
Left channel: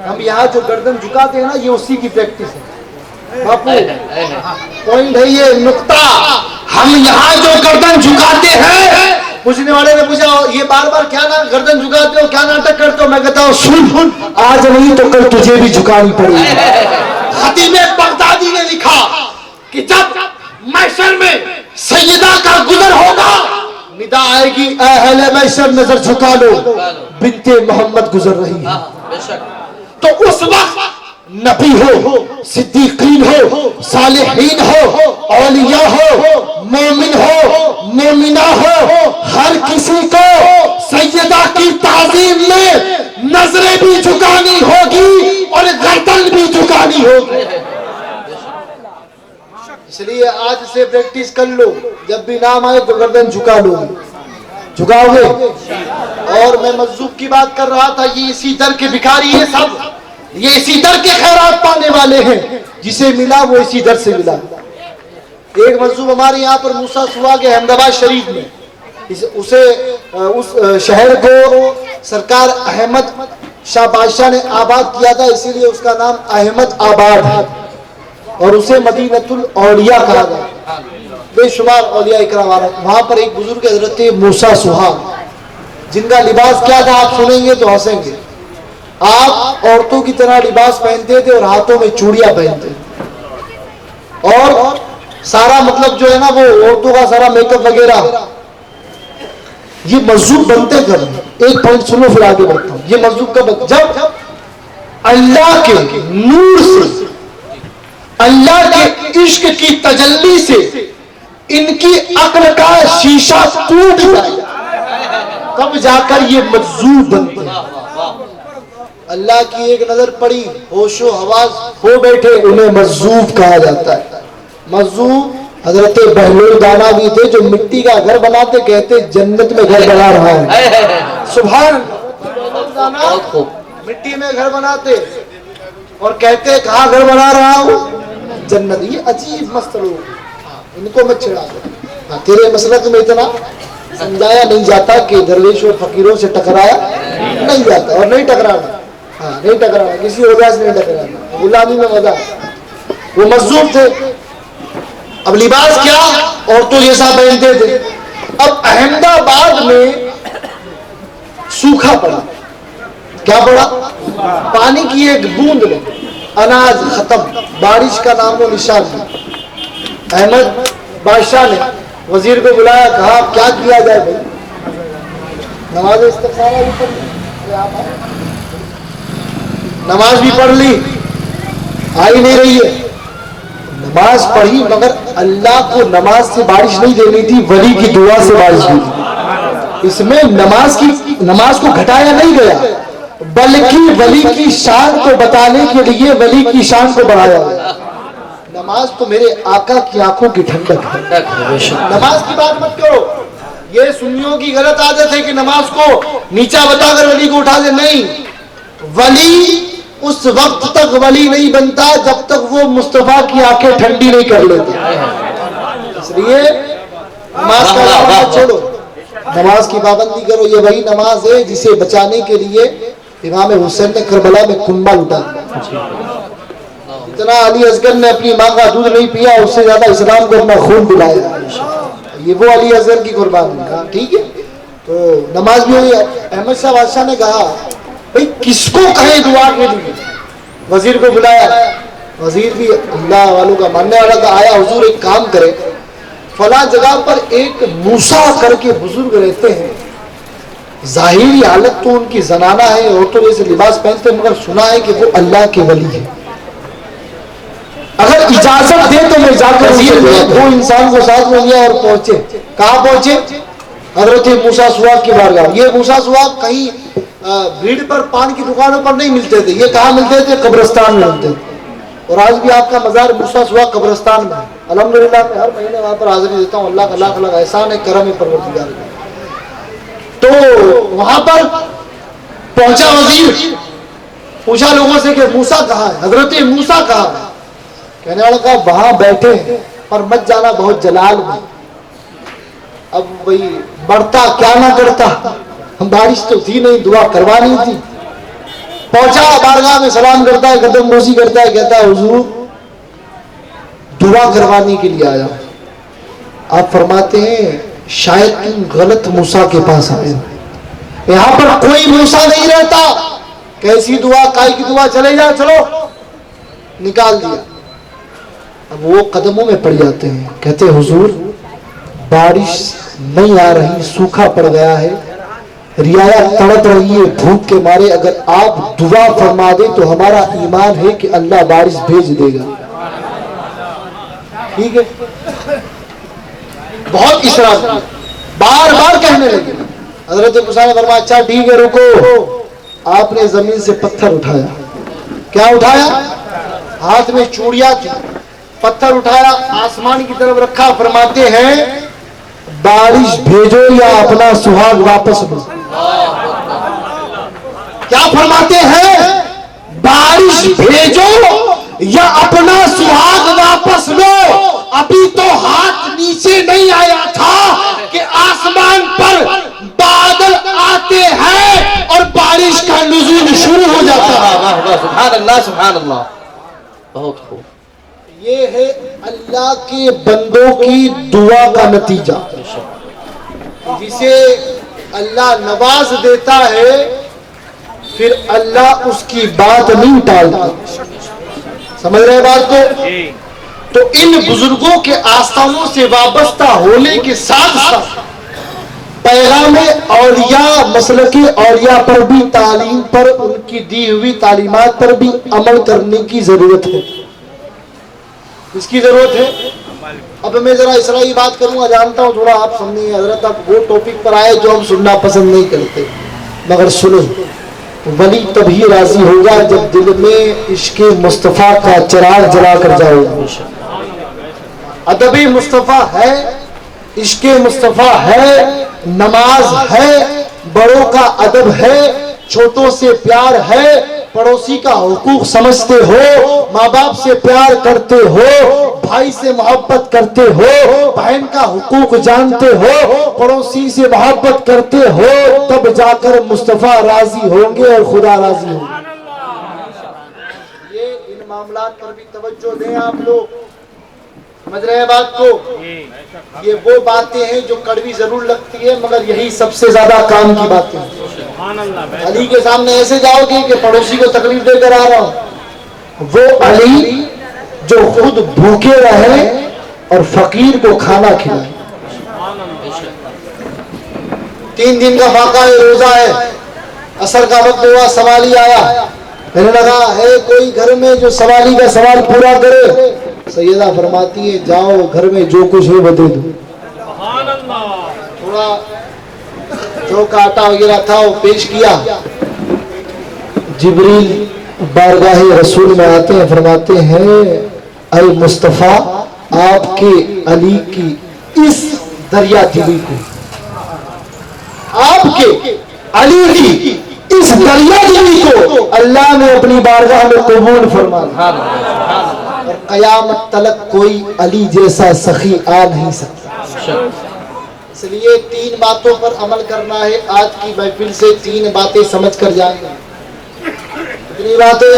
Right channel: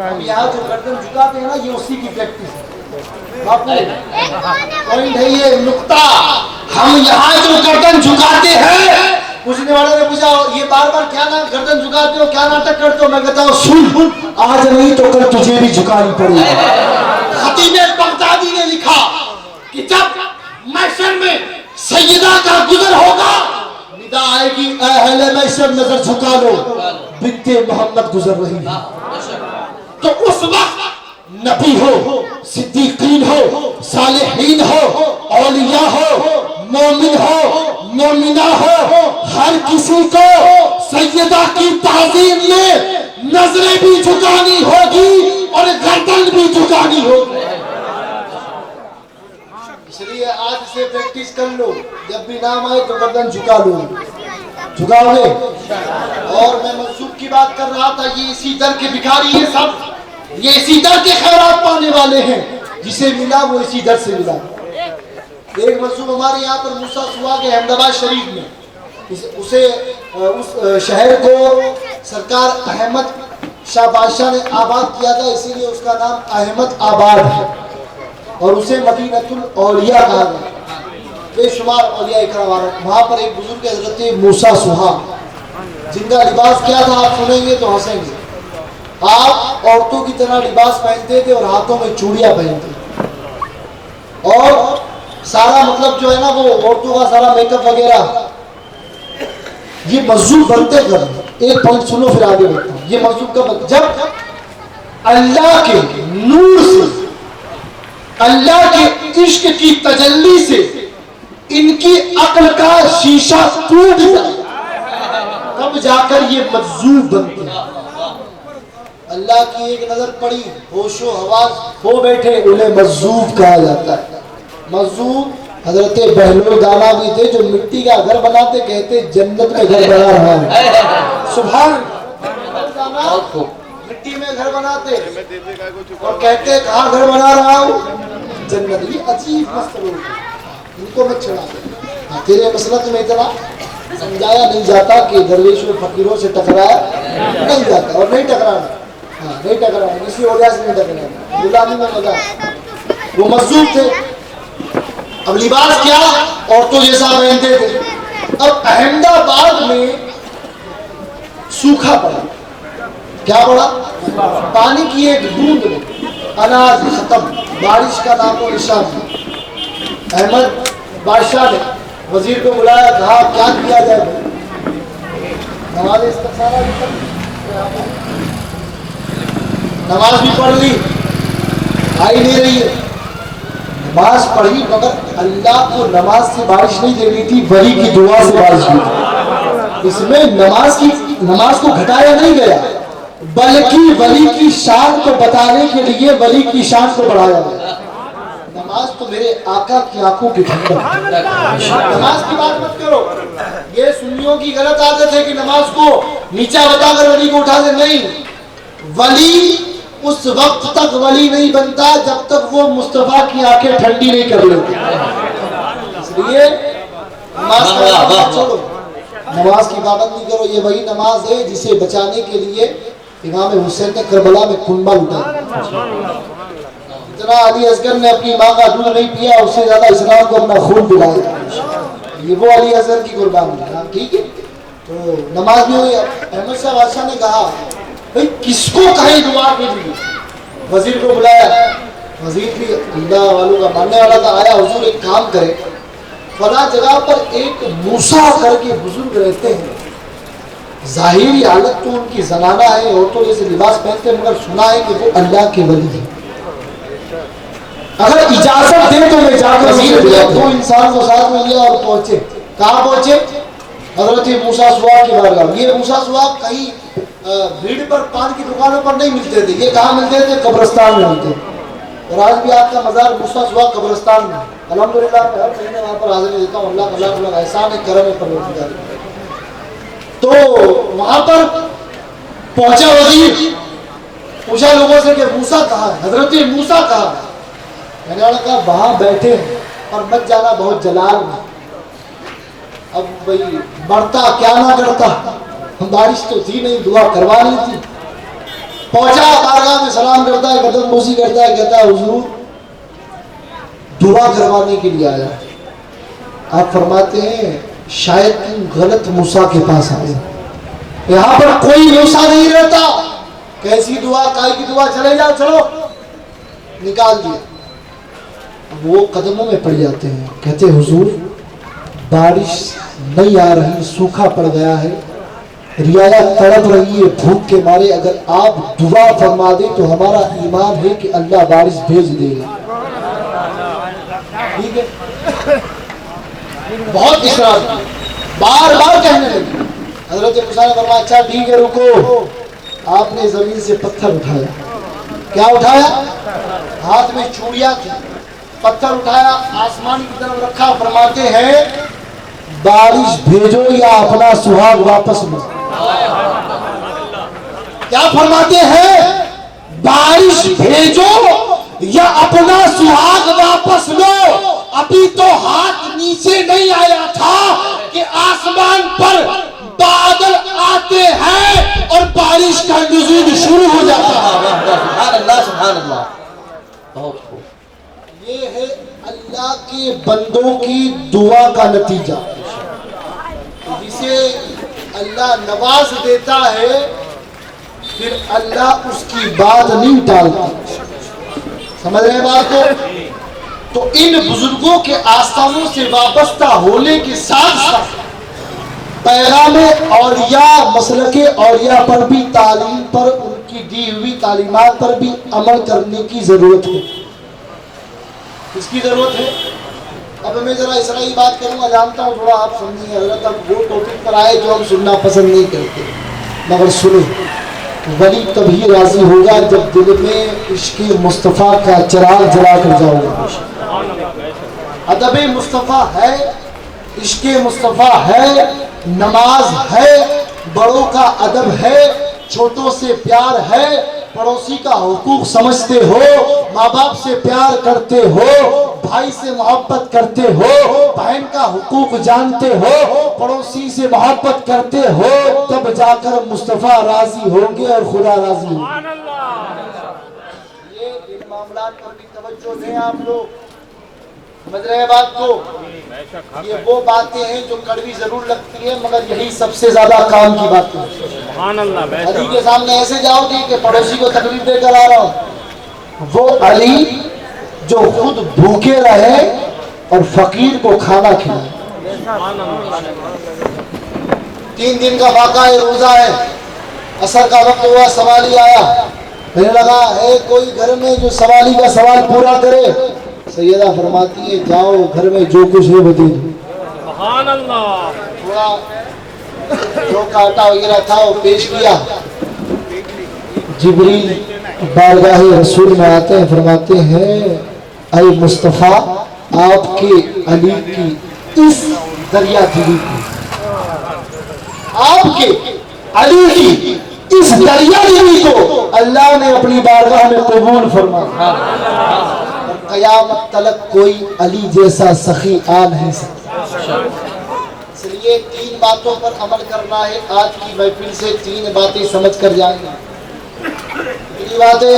ہم یہاں جو گردن جھکاتے ہیں نا یہ اسی کی پریکٹس ہے۔ باپو پوائنٹ ہے یہ نقطہ، ہم یہاں جو گردن جھکاتے ہیں، پوچھنے والے نے پوچھا یہ بار بار کیا گردن جھکاتے ہو، کیا ناٹک کرتے ہو؟ میں کہتا ہوں سن، آج نہیں تو کل تجھے بھی جھکانی پڑے گی۔ خطیب بغدادی نے لکھا کہ جب محشر میں سیدہ کا گزر ہوگا، ندا آئے گی اہل محشر نظر جھکا لو، بنت محمد گزر رہی ہے۔ تو اس وقت نبی ہو، صدیقین ہو، صالحین ہو، اولیاء ہو، مومن ہو، مومنہ ہو، ہر کسی کو سیدہ کی تعظیم میں نظریں بھی جھکانی ہوگی اور گردن بھی جھکانی ہوگی۔ اس لیے آج سے پریکٹس کر لو، جب بھی نام آئے تو گردن جھکا لو، جھکاؤ گے۔ اور میں مجذوب کی بات کر رہا تھا، یہ اسی در کے بھکاری ہیں سب، یہ اسی در کے خیرات پانے والے ہیں، جسے ملا وہ اسی در سے ملا۔ ایک مجذوب ہمارے یہاں پر موسیٰ سوا کے احمد آباد شریف میں، اس شہر کو سرکار احمد شاہ بادشاہ نے آباد کیا تھا، اسی لیے اس کا نام احمد آباد ہے، اور اسے مدینۃ الاولیاء کہا گیا، بے شمار اولیاء اکرام والا۔ وہاں پر ایک بزرگ حضرت موسیٰ سوا، جن کا لباس کیا تھا آپ سنیں گے تو ہنسیں گے۔ آپ عورتوں کی طرح لباس پہنتے تھے اور ہاتھوں میں چوڑیاں پہنتے تھے، اور سارا مطلب جو ہے نا وہ عورتوں کا سارا میک اپ وغیرہ، یہ مذہب بنتے کب؟ ایک پوائنٹ سنو پھر آگے بڑھتا ہوں. یہ مذہب کب؟ جب اللہ کے نور سے، اللہ کے عشق کی تجلی سے ان کی عقل کا شیشہ ٹوٹ جائے، تب جا کر یہ مجذوب بنتے ہیں. اللہ کی ایک نظر پڑی، ہوش و حواس ہو بیٹھے، انہیں مجذوب کہا جاتا ہے. مجذوب حضرت بہلول دانا بھی تھے جو مٹی کا گھر بناتے، کہتے جنت میں گھر بنا رہا ہوں. سبحان دانا مٹی میں گھر بناتے اور کہتے کہاں گھر بنا رہا ہوں؟ جنت. یہ عجیب مست لوگ، ان کو مت چھڑا دے. تیرے مسلک میں اتنا سمجھایا نہیں جاتا کہ درویش اور فقیروں سے ٹکرایا نہیں جاتا، اور نہیں ٹکرانا. نہیں ٹکرانا، کسی وجہ سے نہیں ٹکرانا، غلامی میں مزہ. وہ مجذوب تھے. اب لباس کیا؟ عورتوں جیسا پہنتے تھے. اب احمد آباد میں سوکھا پڑا. کیا پڑا؟ پانی کی ایک بوند میں اناج ختم، بارش کا نام و نشان نہیں. احمد بادشاہ نے وزیر کو بلایا، کہا کیا کیا جائے بھائی؟ نماز استخارہ بھی پڑھ لی، نماز بھی پڑھ لی، آئی نہیں رہی ہے. نماز پڑھی مگر اللہ کو نماز سے بارش نہیں دینی تھی، ولی کی دعا سے بارش ہوئی تھی. اس میں نماز کو گھٹایا نہیں گیا، بلکہ ولی کی شان کو بتانے کے لیے ولی کی شان کو بڑھایا گیا. نماز تو میرے آقا کی آنکھوں کی ٹھنڈک ہے. نماز کی بات مت کرو. یہ سنیوں کی غلط عادت ہے کہ نماز کو نیچا بتا کر ولی کو اٹھا دے. نہیں، ولی اس وقت تک ولی نہیں بنتا جب تک وہ مصطفیٰ کی آنکھیں ٹھنڈی نہیں کر لیتے. اس لیے نماز کا بات چھوڑو، نماز کی پابندی کرو. یہ وہی نماز ہے جسے بچانے کے لیے امام حسین نے کربلا میں کنبہ لٹا دیا. اتنا علی اصغر نے اپنی ماں کا دودھ نہیں پیا، اس سے زیادہ اسلام کو اپنا خون پلایا. یہ وہ علی اصغر کی قربانی ہے. ٹھیک ہے، تو نماز بھی ہوئی. احمد شاہ بادشاہ نے کہا بھئی کس کو کہیں دعا کے لیے؟ وزیر کو بلایا. وزیر بھی اللہ والوں کا ماننے والا تھا. آیا، حضور ایک کام کرے، فلاں جگہ پر ایک موسیٰ کر کے بزرگ رہتے ہیں، ظاہری حالت تو ان کی زنانہ ہے، عورتوں جیسے لباس پہنتے، مگر سنا ہے کہ وہ اللہ کے ولی ہیں. اگر اجازت دے تو میں جا کر دو انسان کو ساتھ میں لیا اور پہنچے. کہاں پہنچے؟ حضرت موسیٰ سواق کی بارگاہ. یہ موسیٰ سواق کہیں بھیڑ پر پان کی دکانوں پر نہیں ملتے تھے. یہ کہاں ملتے تھے؟ قبرستان میں ملتے تھے. اور آج بھی آپ کا مزار موسیٰ سواق قبرستان میں. الحمدللہ میں ہر مہینے وہاں پر حاضری دیتا ہوں. اللہ کا لاکھ لاکھ احسان ہے، کرم ہے پروردگار. تو وہاں پر پہنچا وزیر، پوچھا لوگوں سے کہ موسیٰ کہاں ہے؟ حضرت موسیٰ کہاں ہے؟ کہنے والا کہا وہاں بیٹھے ہیں، پر مت جانا، بہت جلال میں. اب بھئی بڑھتا کیا نہ کرتا، بارش تو تھی نہیں، دعا کروانی تھی. پہنچا بارگاہ میں، سلام کرتا ہے، قدم بوسی کرتا ہے، کہتا ہے حضور دعا کروانے کے لیے آیا. آپ فرماتے ہیں شاید تم غلط موسیٰ کے پاس آئے، یہاں پر کوئی موسیٰ نہیں رہتا. کیسی دعا، کائے کی دعا، چلے جا، چلو. نکال دیا. اب وہ قدموں میں پڑ جاتے ہیں، کہتے حضور بارش نہیں آ رہی، سوکھا پڑ گیا ہے، رعایا تڑپ رہی ہے بھوک کے مارے، اگر آپ دعا فرما دیں تو ہمارا ایمان ہے کہ اللہ بارش بھیج دے گا. ٹھیک ہے، بہت اصرار کیا، بار بار کہنے لگے. حضرت موسیٰ نے فرمایا اچھا ٹھیک ہے رکو. آپ نے زمین سے پتھر اٹھایا. کیا اٹھایا؟ ہاتھ میں چوڑیاں تھی. پتھر اٹھایا، آسمان کی طرف رکھا. فرماتے ہیں بارش بھیجو یا اپنا سہاگ واپس لو. کیا فرماتے ہیں؟ بارش بھیجو یا اپنا سہاگ واپس لو. ابھی تو ہاتھ نیچے نہیں آیا تھا کہ آسمان پر بادل آتے ہیں اور بارش کا نزول شروع ہو جاتا ہے. سبحان اللہ، سبحان اللہ. بہت خوب. یہ ہے اللہ کے بندوں کی دعا کا نتیجہ، جسے اللہ نواز دیتا ہے پھر اللہ اس کی بات نہیں ٹالتا. سمجھ رہے ہیں بات کو؟ تو ان بزرگوں کے آستانوں سے وابستہ ہونے کے ساتھ ساتھ پیغام اولیاء، مسلک اولیاء پر بھی، تعلیم پر، ان کی دی ہوئی تعلیمات پر بھی عمل کرنے کی ضرورت ہے. اس کی ضرورت ہے. اب میں ذرا اسرائی بات کروں گا، جانتا ہوں تھوڑا آپ سنیے. حضرت اب وہ ٹاپک پر آئے جو ہم سننا پسند نہیں کرتے، مگر سنیں. ولی تبھی راضی ہوگا جب دل میں عشق مصطفیٰ کا چراغ جلا کر جائے گا. ادب مصطفیٰ ہے، عشق مصطفیٰ ہے، نماز ہے، بڑوں کا ادب ہے، چھوٹوں سے پیار ہے، پڑوسی کا حقوق سمجھتے ہو، ماں باپ سے پیار کرتے ہو، بھائی سے محبت کرتے ہو، بہن کا حقوق جانتے ہو، پڑوسی سے محبت کرتے ہو، تب جا کر مصطفیٰ راضی ہوں گے اور خدا راضی ہوں گے. یہ ان معاملات پر بھی توجہ دیں آپ لوگ. سمجھ رہے ہیں بات کو؟ یہ وہ باتیں ہیں جو کڑوی ضرور لگتی ہے، مگر یہی سب سے زیادہ کام کی باتیں ہیں. علی کے سامنے ایسے جاؤ گے کہ پڑوسی کو تکلیف دے کر آ رہا ہوں. وہ علی جو خود بھوکے رہے اور فقیر کو کھانا کھلائے. 3 دن کا فاقہ ہے، روزہ ہے، عصر کا وقت ہوا، سوالی آیا. کہنے لگا ہے کوئی گھر میں جو سوالی کا سوال پورا کرے. سیدہ فرماتی ہے جاؤ گھر میں جو کچھ ہے وہ دے دو. سبحان اللہ. تھوڑا جو کاٹا وغیرہ تھا وہ پیش کیا. جبریل بارگاہ رسول میں آتے ہیں، فرماتے ہیں اے مصطفیٰ آپ کے علی کی اس دریا دلی کو، آپ کے علی کی اس دریا دلی کو اللہ نے اپنی بارگاہ میں قبول فرمایا. اور قیامت تلک کوئی علی جیسا سخی آ نہیں سکتا. اس لیے 3 باتوں پر عمل کرنا ہے. آج کی محفل سے 3 باتیں سمجھ کر جائیں گے. کتنی باتیں؟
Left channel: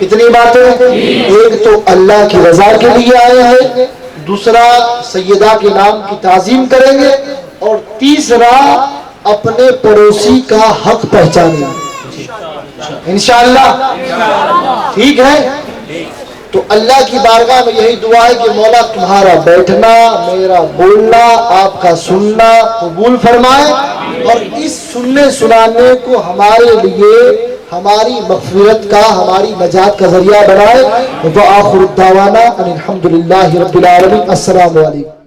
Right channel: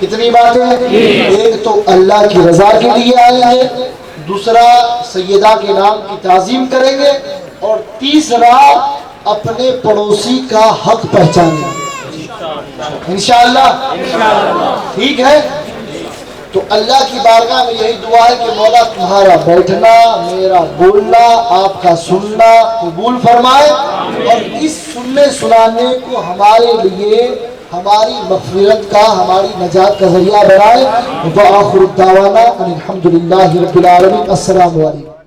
کتنی باتیں؟ ایک تو اللہ کی رضا کے لیے آئے ہیں، دوسرا سیدہ کے نام کی تعظیم کریں گے، اور تیسرا اپنے پڑوسی کا حق پہچانیں گے انشاءاللہ. ٹھیک ہے؟ تو اللہ کی بارگاہ میں یہی دعا ہے کہ مولا تمہارا بیٹھنا، میرا بولنا، آپ کا سننا قبول فرمائے، اور اس سننے سنانے کو ہمارے لیے ہماری مغفرت کا، ہماری نجات کا ذریعہ بنائے. وآخر الدعوانا ان الحمدللہ رب العالمین. السلام علیکم.